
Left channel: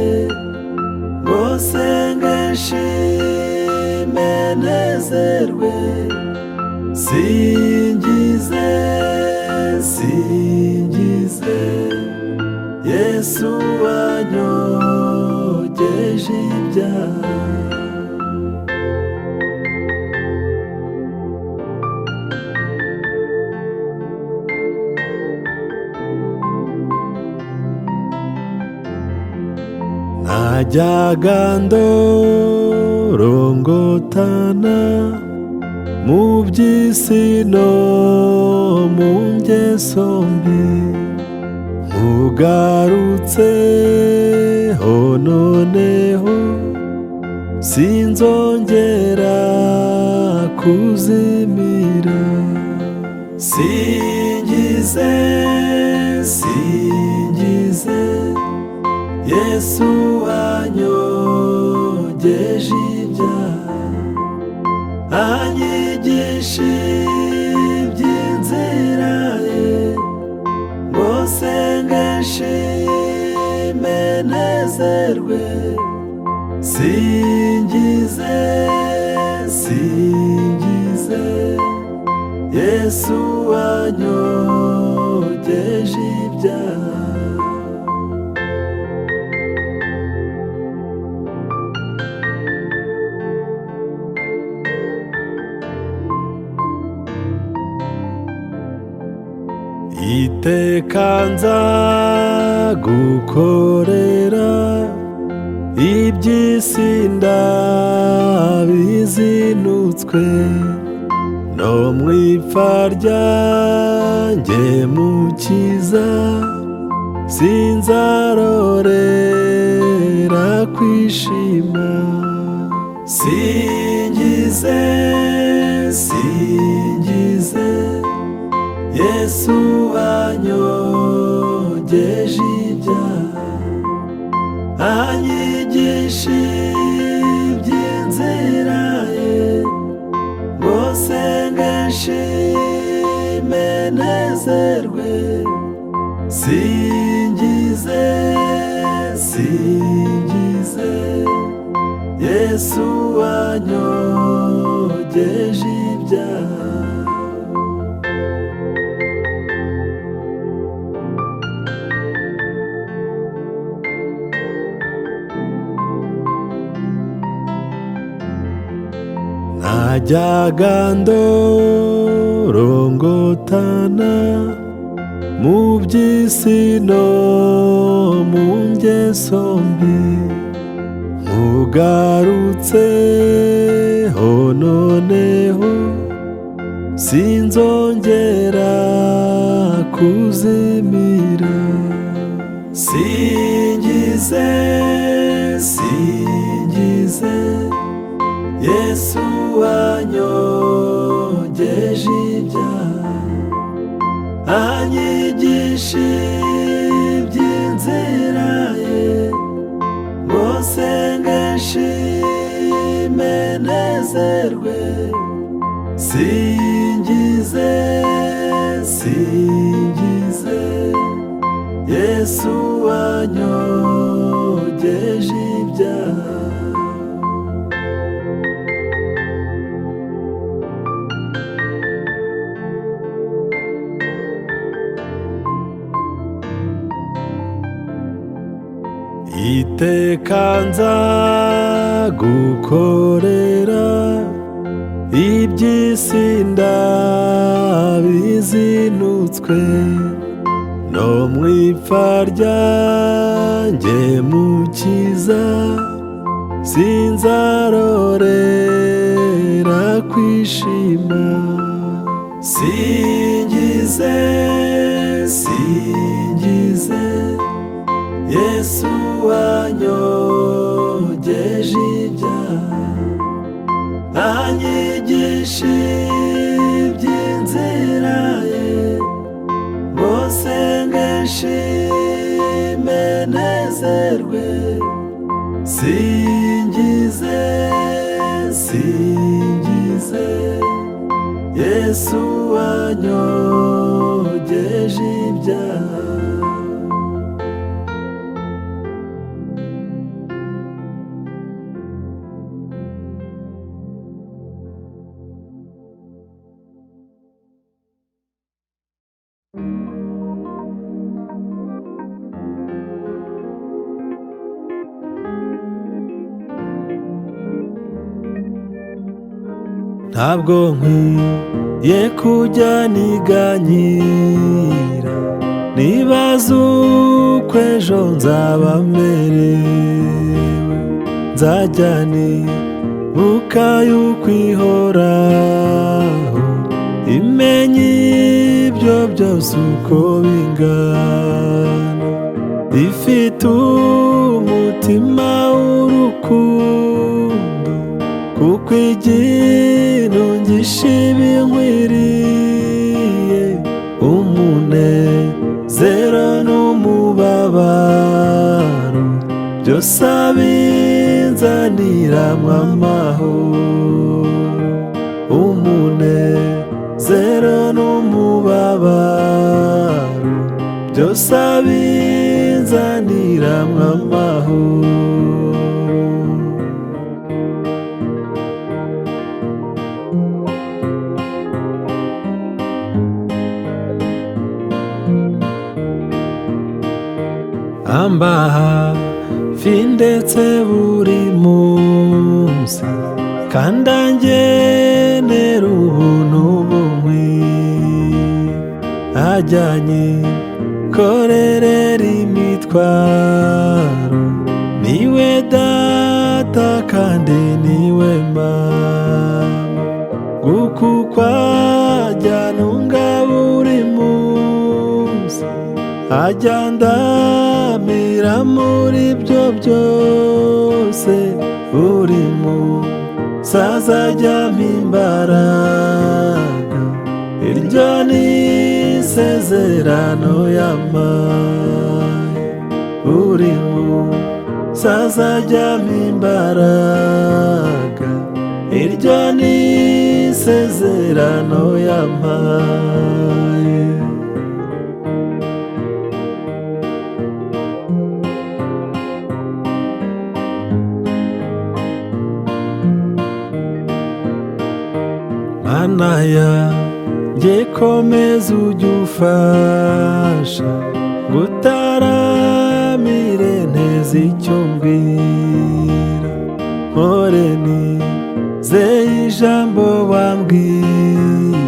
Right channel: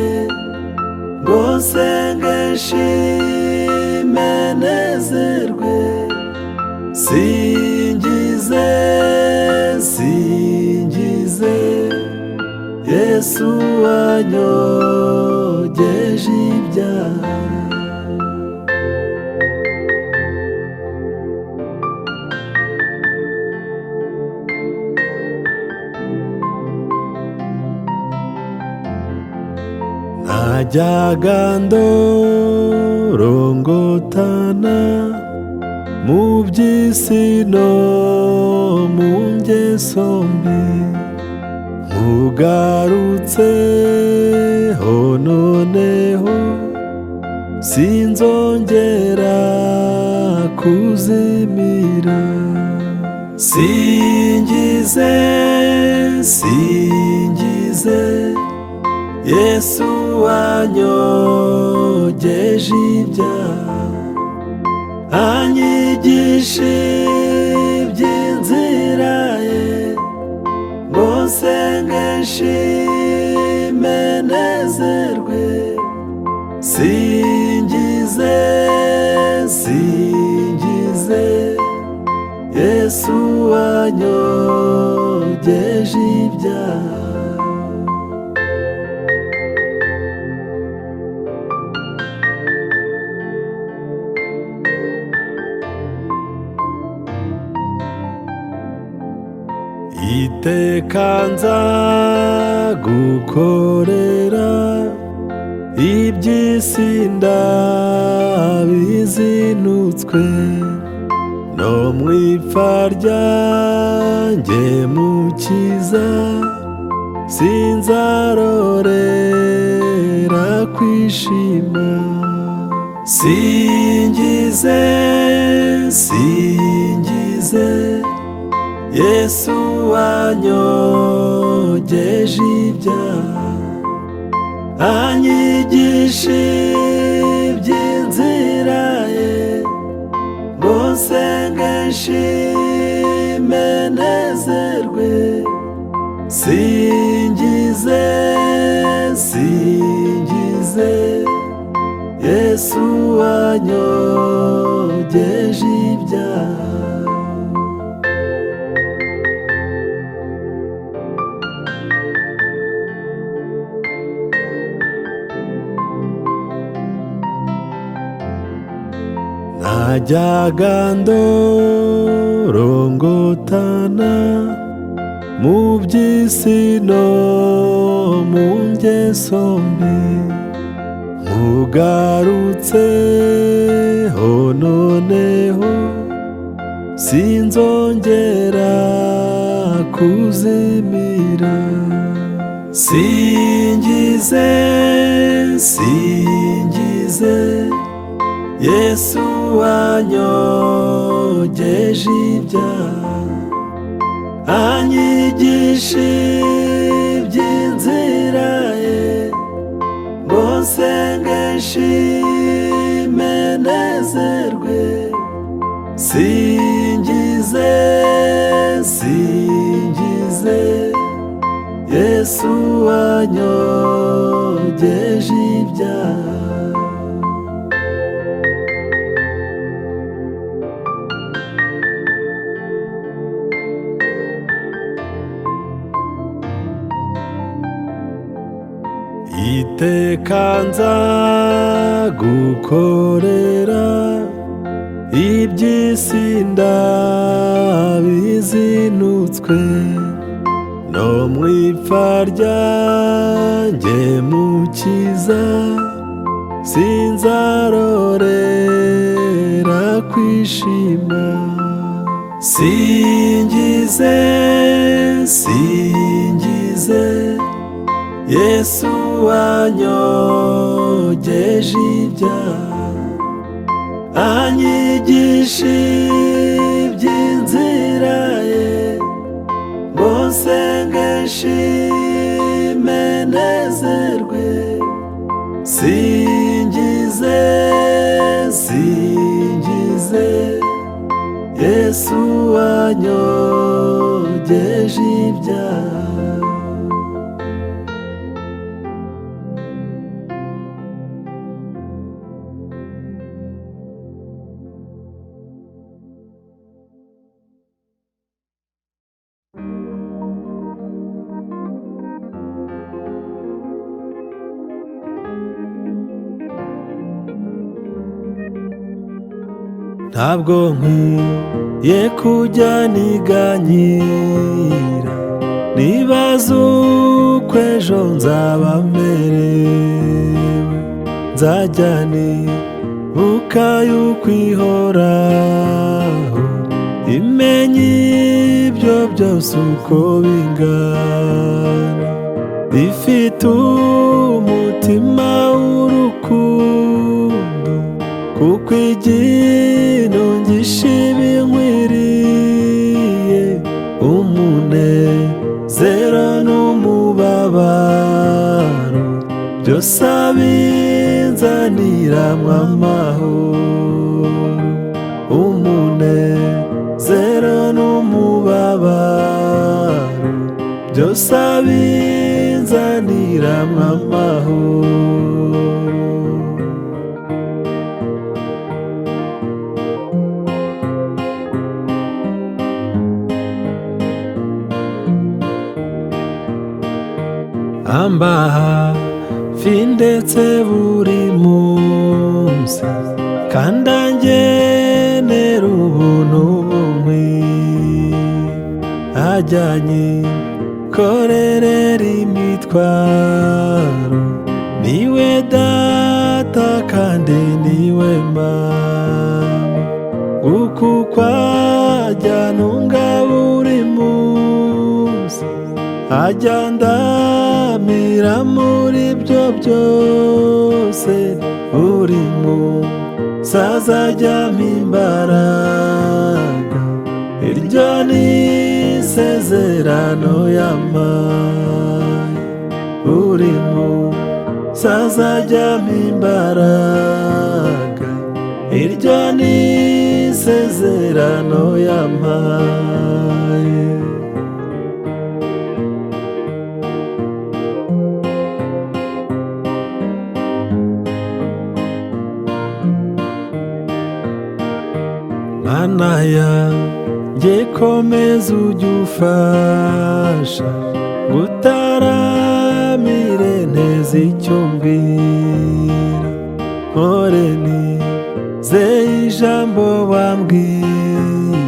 ngo senge nshime nezerwe, singize singize Yesu wanyogeje ibyaha. Najyaga ndorongotana mu by'isi no mu ngeso mbi, nkugarutseho noneho sinzongera kuzimira. Singize singize Yesu wanyogeje ibyaha, anyigisha iby'inzira ye, ngo senge nshime nezerwe, singize singize Yesu wanyogeje ibyaha. Iteka nzagukorera, iby'isi ndabizinutswe, no mu ipfa ryanjye Mukiza sinzarorera kwishima. Singize singize Yesu wanyogeje ibyaha, anyigisha iby'inzira ye, ngo senge nshime nezerwe, singize singize Yesu wanyogeje ibyaha. Najyaga ndorongotana mu by'isi no mu ngeso mbi, nkugarutseho noneho sinzongera kuzimira. Singize singize Yesu wanyogeje ibyaha, anyigisha iby'inzira ye, ngo senge nshime nezerwe, singize singize Yesu wanyogeje ibyaha. Iteka nzagukorera, iby'isi ndabizinutswe, no mu ipfa ryanjye Mukiza sinzarorera kwishima. Singize singize Yesu wanyogeje ibyaha, anyigisha iby'inzira ye, ngo senge nshime nezerwe, singize singize Yesu wanyogeje ibyaha. Ntabwo nkwiye kujya niganyira, nibaza uko ejo nzaba merewe. Nzajya nibuka yuko ihoraho imenya ibyo byose uko bingana, ifite umutima w'urukundo, kuko iginongisha ibinkwiriye, umunezero n'umubabaro byose abinzaniramwo amahoro. Umunezero n'umubabaro byose abinzaniramwo amahoro. Amba hafi ndetse buri munsi, kandi angenera ubuntu bunkwiye. Ajyanye korerera imitwaro, niwe data kandi niwe mama, kuko ajya ntunga buri munsi, ajya ndamira muri byo byose. Buri munsi azajya ampa imbaraga, iryo ni isezerano yampaye. Buri munsi azajya ampa imbaraga, iryo ni isezerano yampaye. Mana yanjye komeza ujye ufasha, ngutaramire nteze icyo mbwira. Mpore nizeye ijambo wambwiye,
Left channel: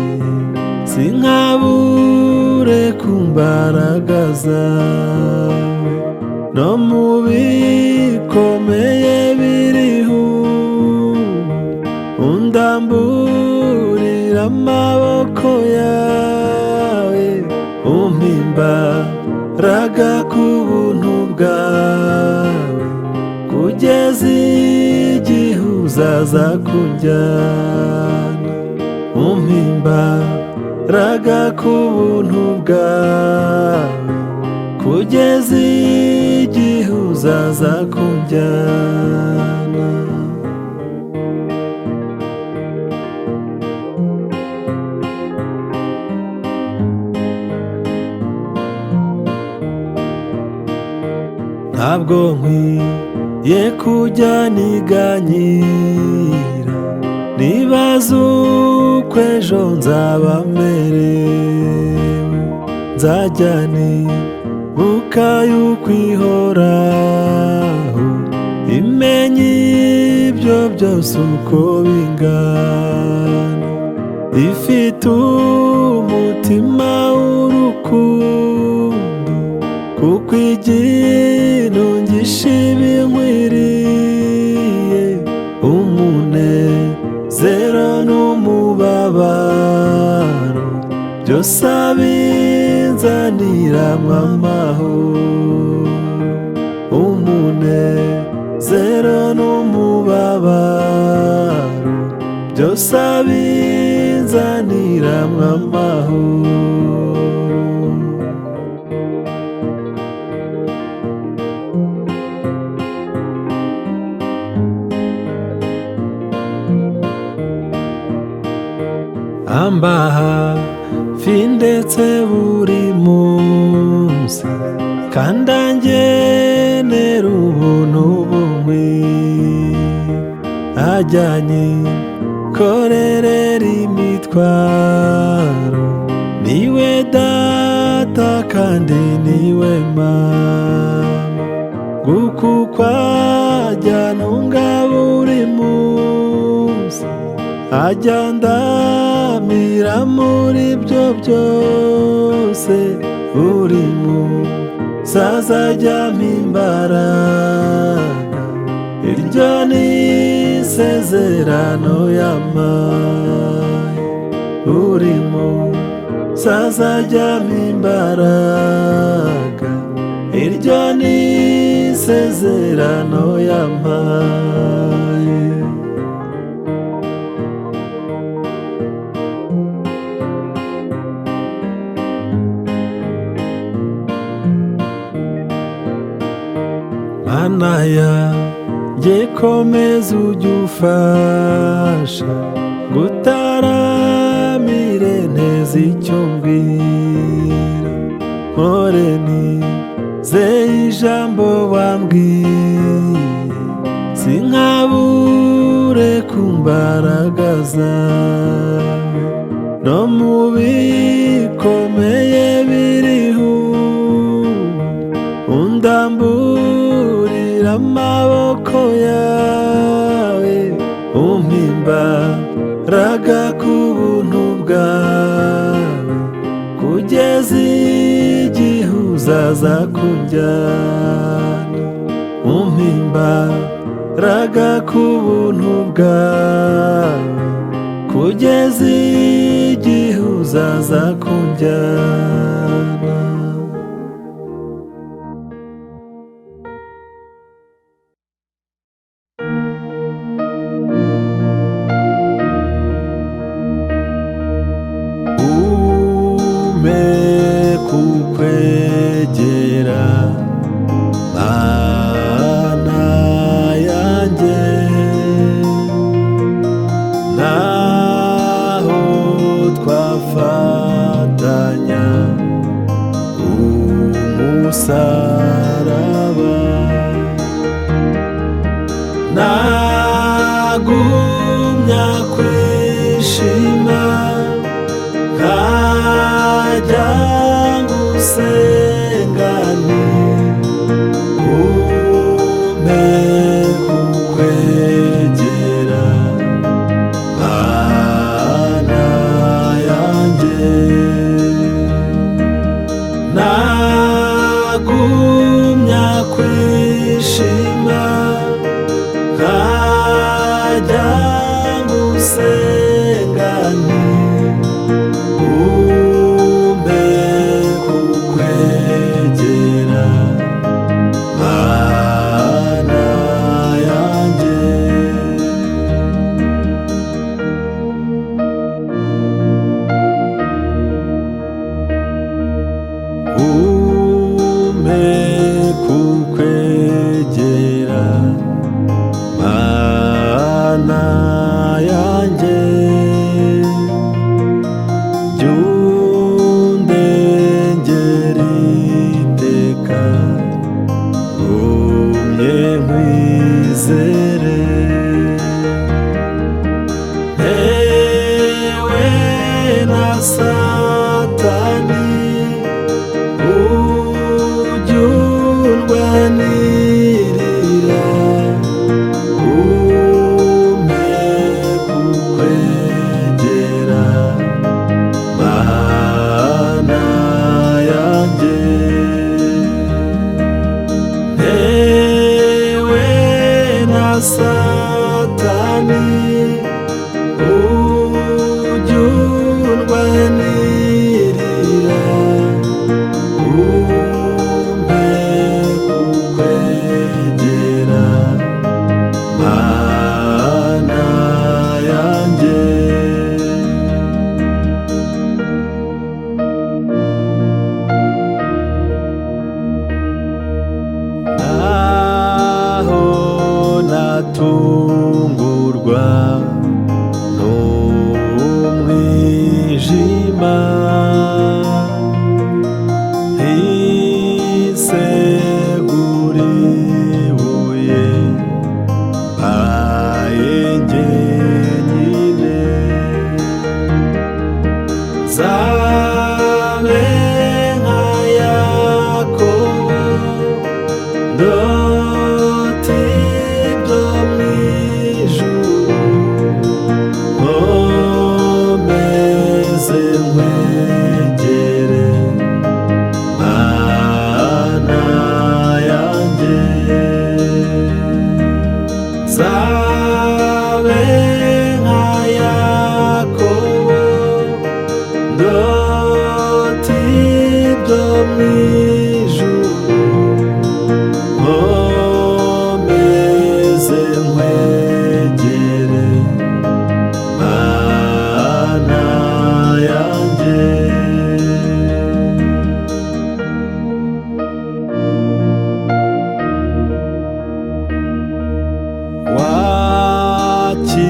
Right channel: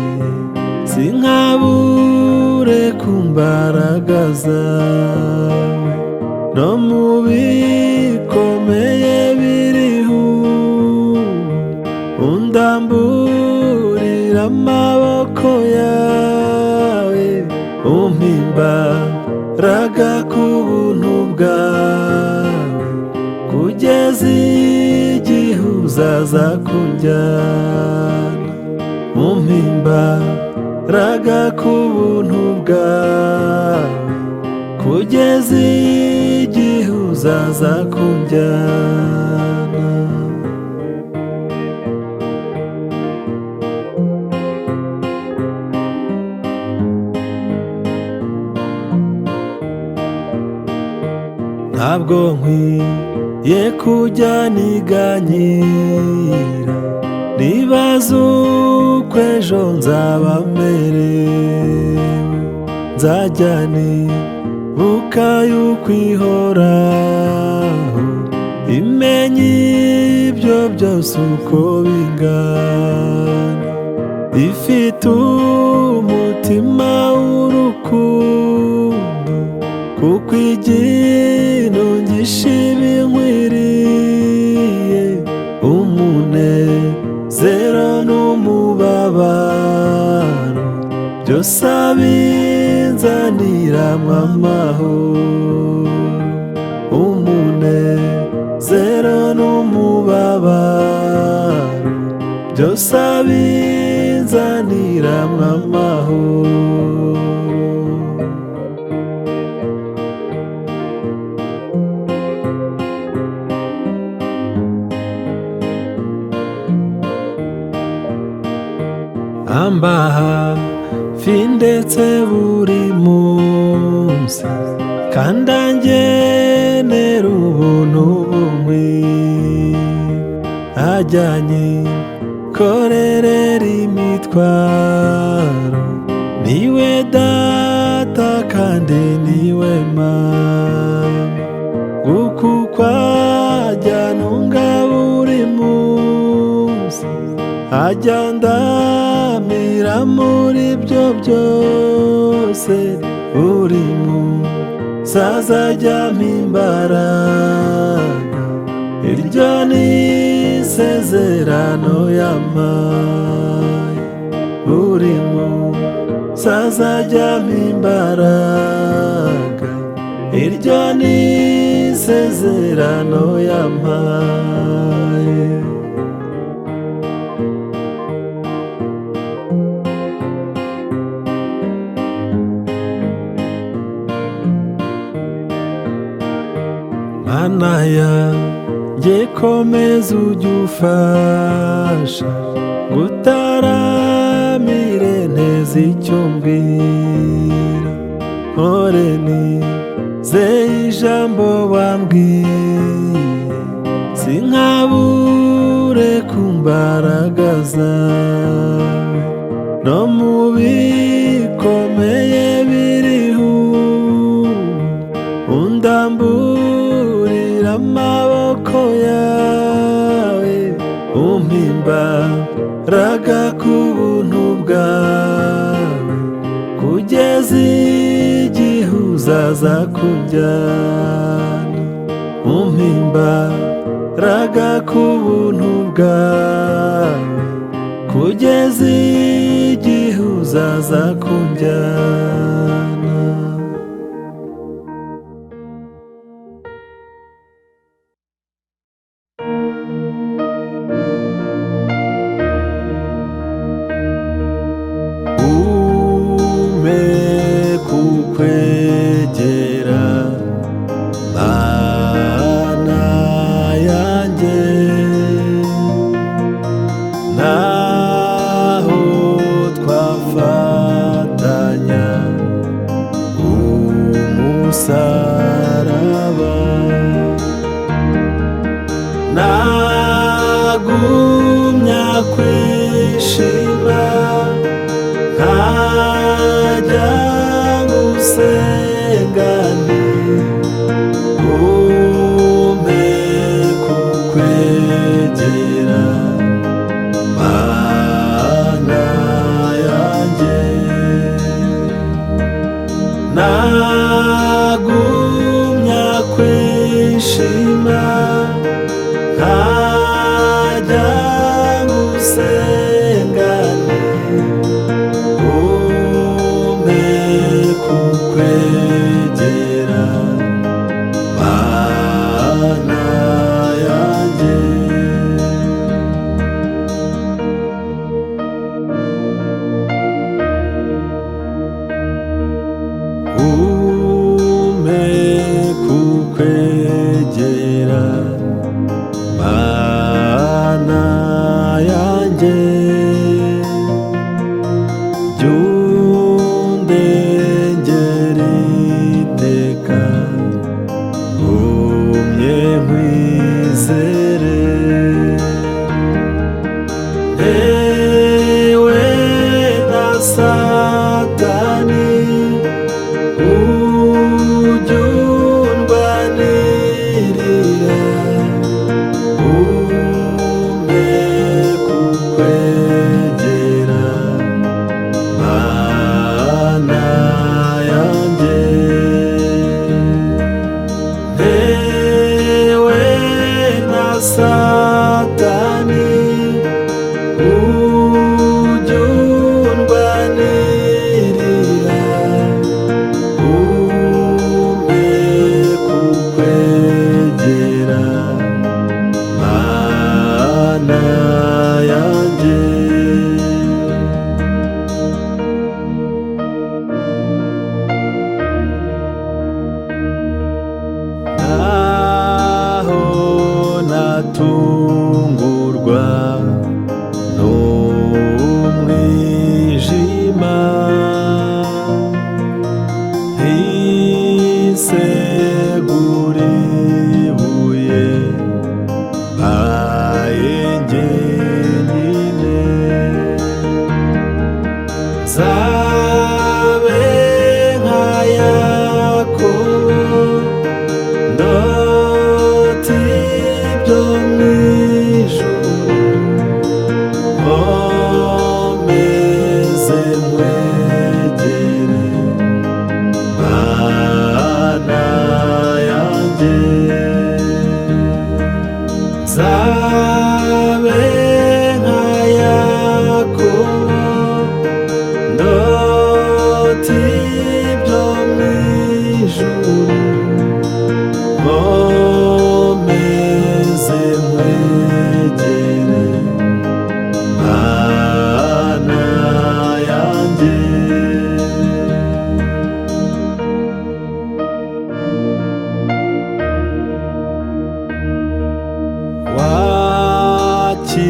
sinkabure ku mbaraga zawe. No mu bikomeye biriho undamburira amaboko yawe, umpa imbaraga ku buntu bwawe, kugeza igihe uzaza kunjyana. Umpa imbaraga ku buntu bwawe, kugeza igihe uzaza kunjyana. Ntabwo nkwiye kujya niganyira, nibaza uko ejo nzaba merewe. Nzajya nibuka yuko ihoraho imenya ibyo byose uko bingana, ifite umutima w'urukundo, kuko iginongisha ibinkwiriye. Umunezero n'umubabaro byose abinzaniramwo amahoro. Umunezero n'umubabaro byose abinzaniramwo amahoro. amba hafi ndetse buri munsi, kandi angenera ubuntu bunkwiye, ajyanye korerera imitwaro, niwe data kandi niwe mama, kuko ajya ntunga buri munsi, ajya ndamira muri byo byose, buri munsi azajya ampa imbaraga, iryo ni isezerano yampaye, buri munsi azajya ampa imbaraga, iryo ni isezerano yampaye. Mana yanjye komeza ujye ufasha, ngutaramire nteze icyo mbwira, mpore nizeye ijambo wambwiye, sinkabure ku mbaraga zawe, no mu bikomeye biriho undamburira amaboko yawe, umpa imbaraga ku buntu bwawe, kugeza igihe uzaza kunjyana, umpa imbaraga ku buntu bwawe, kugeza igihe uzaza kunjyana. Kukwegera Mana yanjye, naho twafatanya umusaraba, nagumya kwishima nkajya gusengana, umpe kukwegera Mana yanjye, nagumya kwishima nkajya gusengana, umpe kukwegera Mana yanjye. Umpe kukwegera Mana yanjye, byundengera iteka, ngumye nkwizere, ntewe na Satani ujya undwanirira, umpe kukwegera Mana yanjye, ntewe na Satani ujya undwanirira, umpe kukwegera Mana yanjye. Naho natungurwa n'umwijima gusegura ibuye mbaye jyenyine nzabe nka Yakobo ndota ibyo mu ijuru nkomeze nkwegere Mana yanjye nzabe nka Yakobo ndota ibyo mu ijuru nkomeze nkwegere Mana yanjye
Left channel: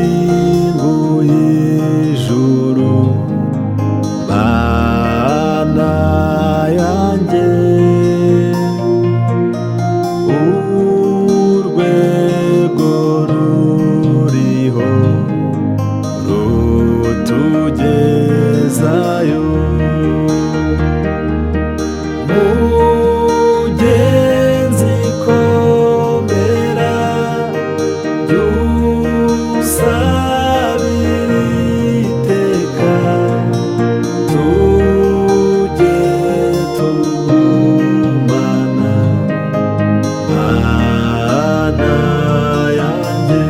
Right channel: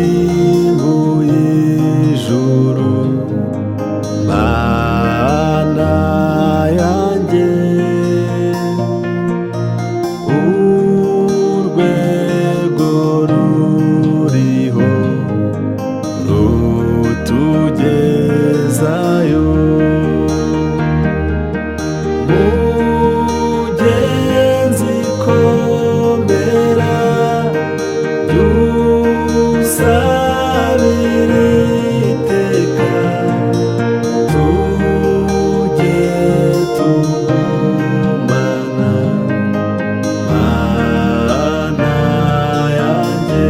wakinguye ijuru Mana yanjye urwego ruriho rutugezayo mugenzi komera byusabira iteka tujye tugumana Mana yanjye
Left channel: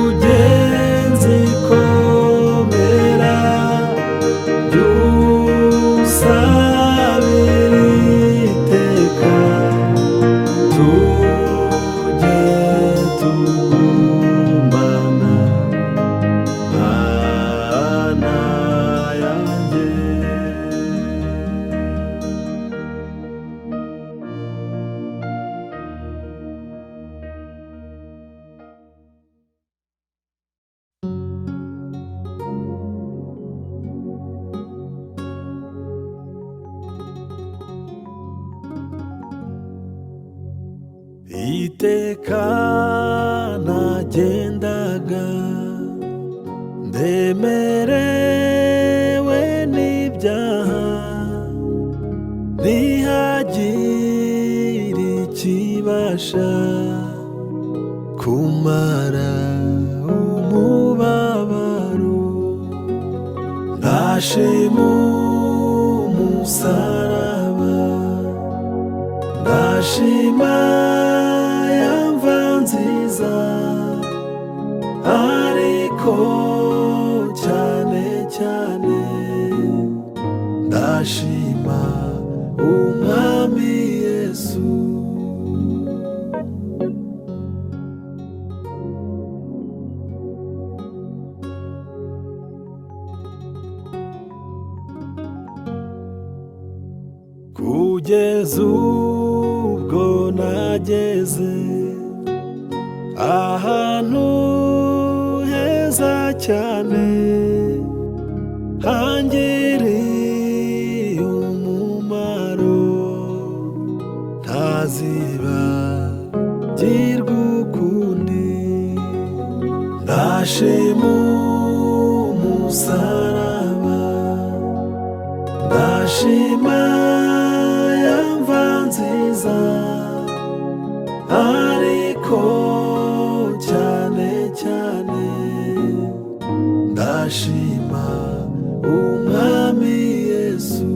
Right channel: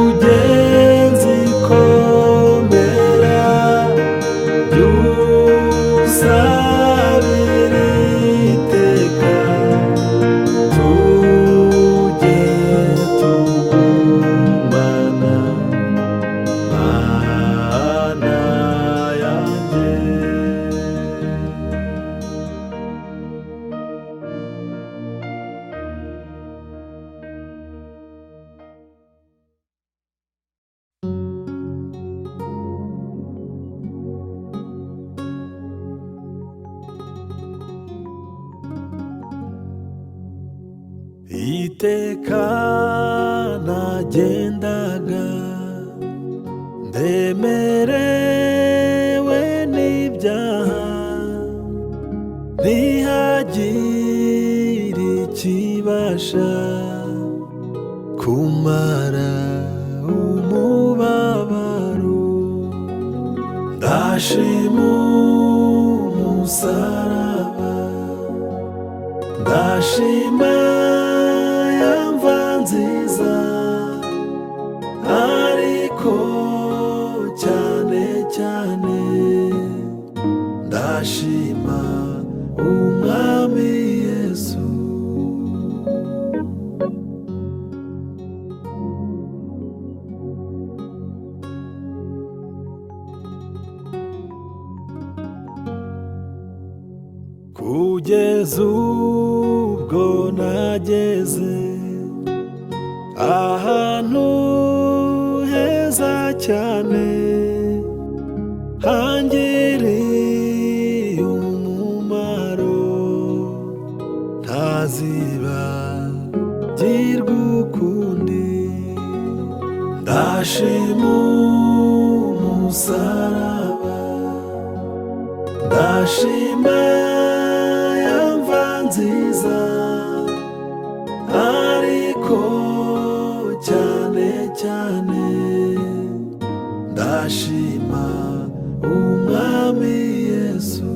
mugenzi komera byusabira iteka tujye tugumana Mana yanjye iteka nagendaga ndemerewe n'ibyaha ntihagire ikibasha kumara umubabaro ndashima umusaraba ndashima yamva nziza ariko cyane cyane ndashima umwami Yesu kugeza ubwo nageze ahantu heza cyane hangiriye umumaro ntazibagirwa ukundi ndashima umusaraba ndashima yamva nziza ariko cyane cyane ndashima umwami Yesu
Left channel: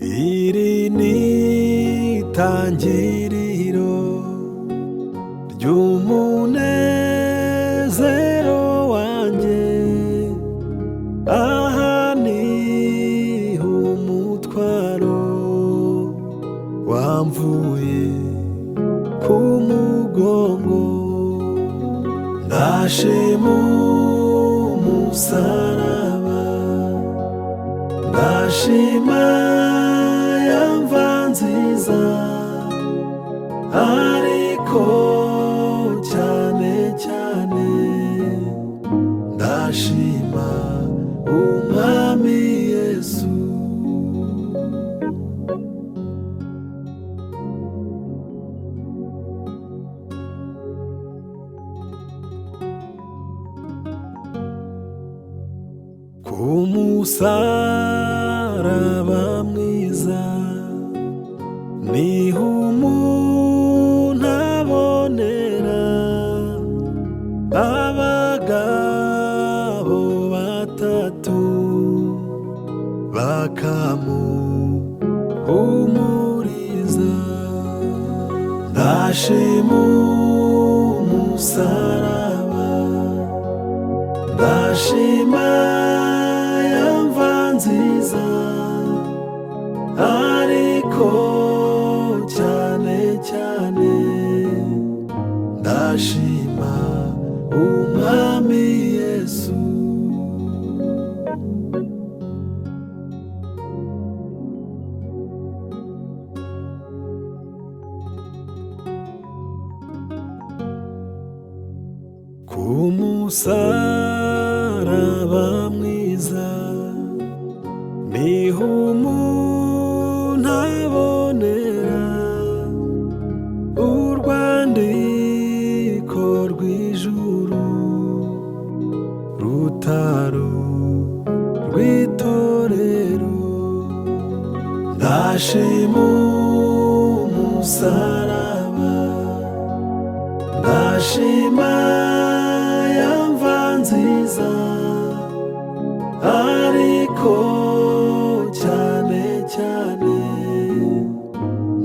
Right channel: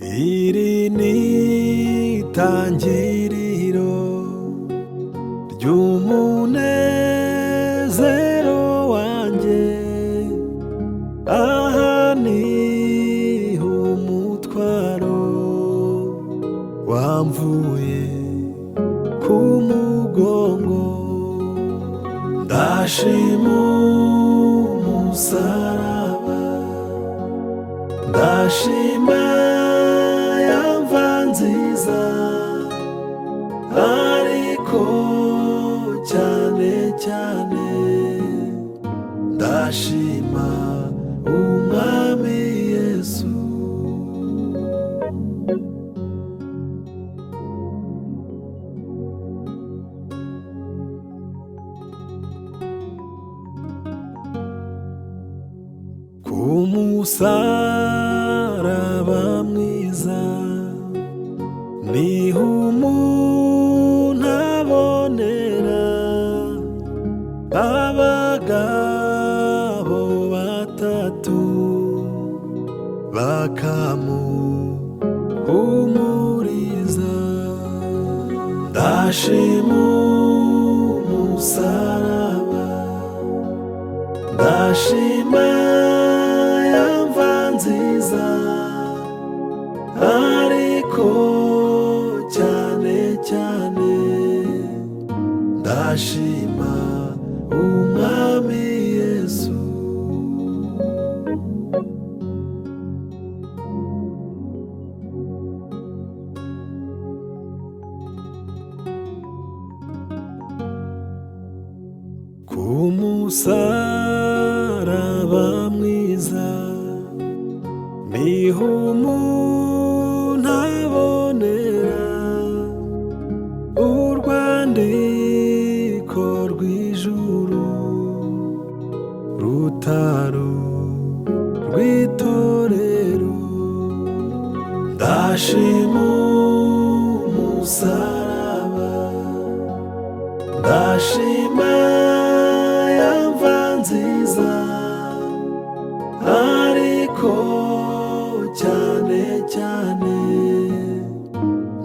iri ni itangiriro ry'umunezero wanjye aha niho umutwaro wamvuye ku mugongo ndashima umusaraba ndashima yamva nziza musaraba mwiza niho umuntu abonera abagabo batatu bakamuhumuriza. Ndashima umusaraba, ndashima ya mva nziza, ariko cyane cyane ndashima umwami Yesu. Ku musaraba mwiza niho umuntu abonera urwandiko rw'ijuru rutaro rw'itorero. Ndashima umusaraba, ndashima ya mva nziza, ariko cyane cyane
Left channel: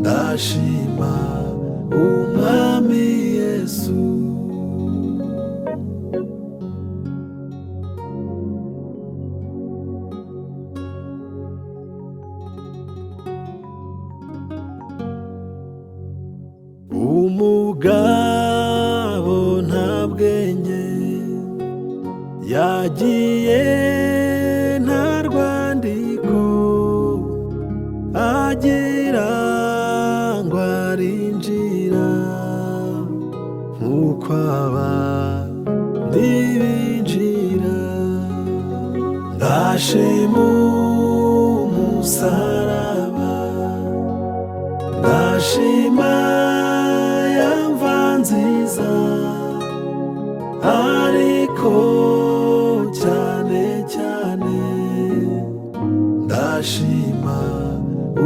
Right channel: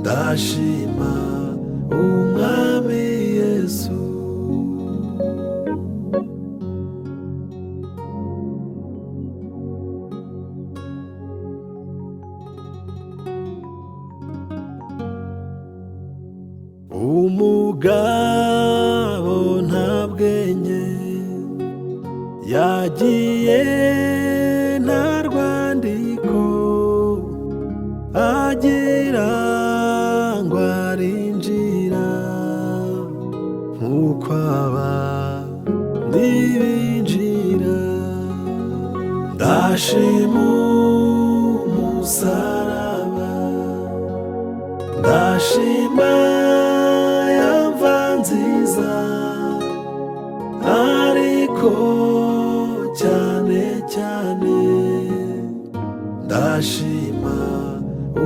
ndashima umwami Yesu. Umugabo nta bwenge yagiye nta rwandiko agira ngo arinjira nk'uko abandi binjira. Ndashima umusaraba, ndashima ya mva nziza, ariko cyane cyane ndashima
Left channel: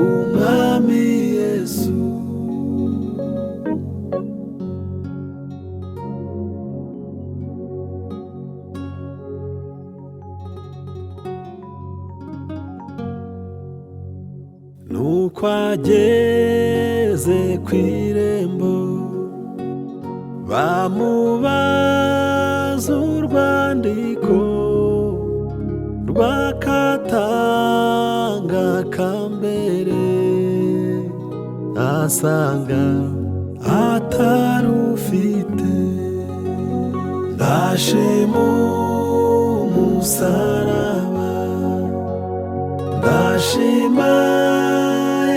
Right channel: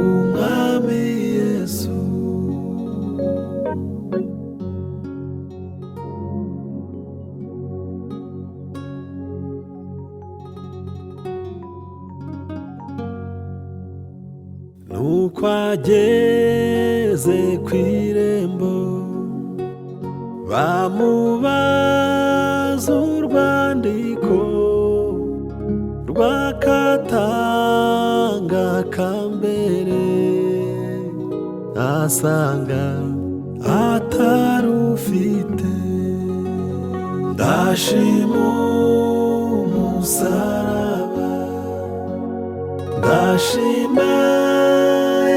umwami Yesu. Nuko ageze ku irembo bamubaza urwandiko rw'akatanga ka mbere, asanga atarufite. Ndashima umusaraba, ndashima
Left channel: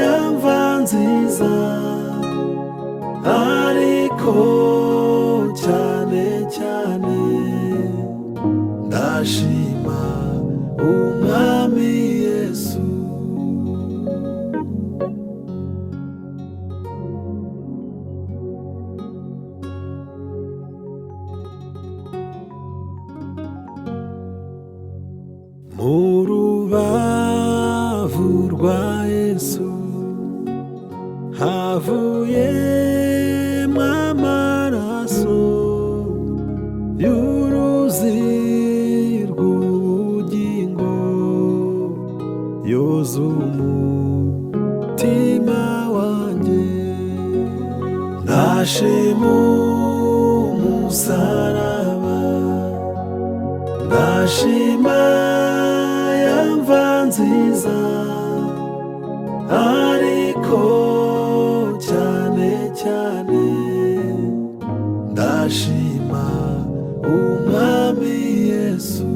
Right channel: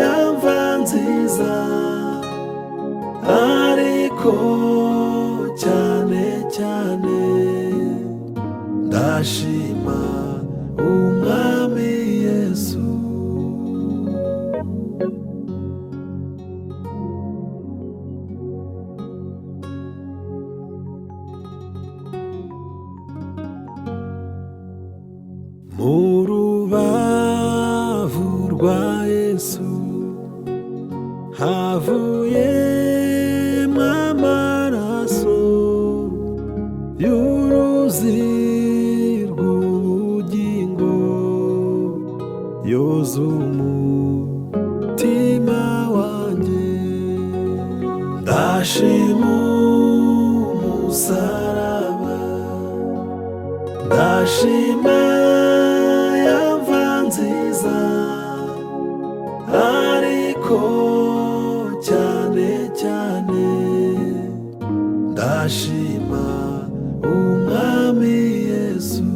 ya mva nziza, ariko cyane cyane ndashima umwami Yesu. Mu rubavu rwa Yesu havuyemo amaraso y'uruzi rw'ubugingo yoza umutima wanjye. Ndashima umusaraba, ndashima ya mva nziza, ariko cyane cyane ndashima umwami Yesu.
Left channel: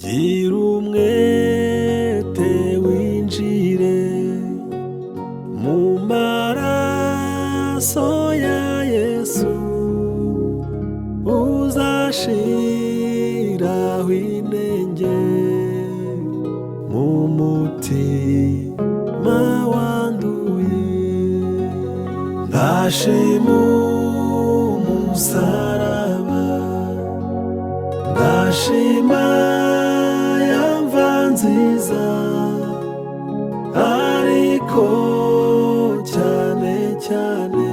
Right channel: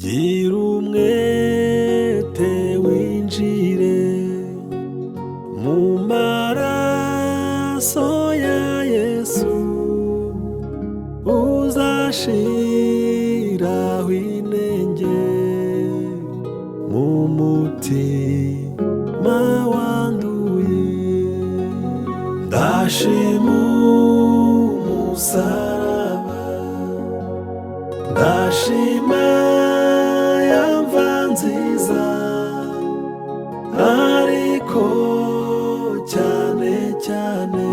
Gira umwete winjire mu maraso ya Yesu, uzashiraho inenge mu mutima ndashima umusaraba, ndashima yamva nziza, ariko cyane cyane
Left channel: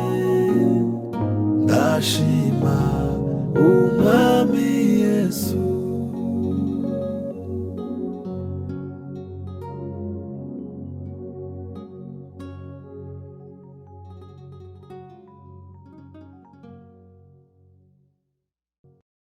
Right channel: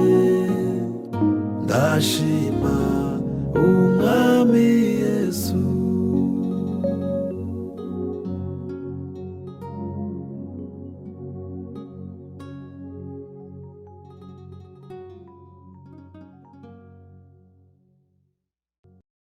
ndashima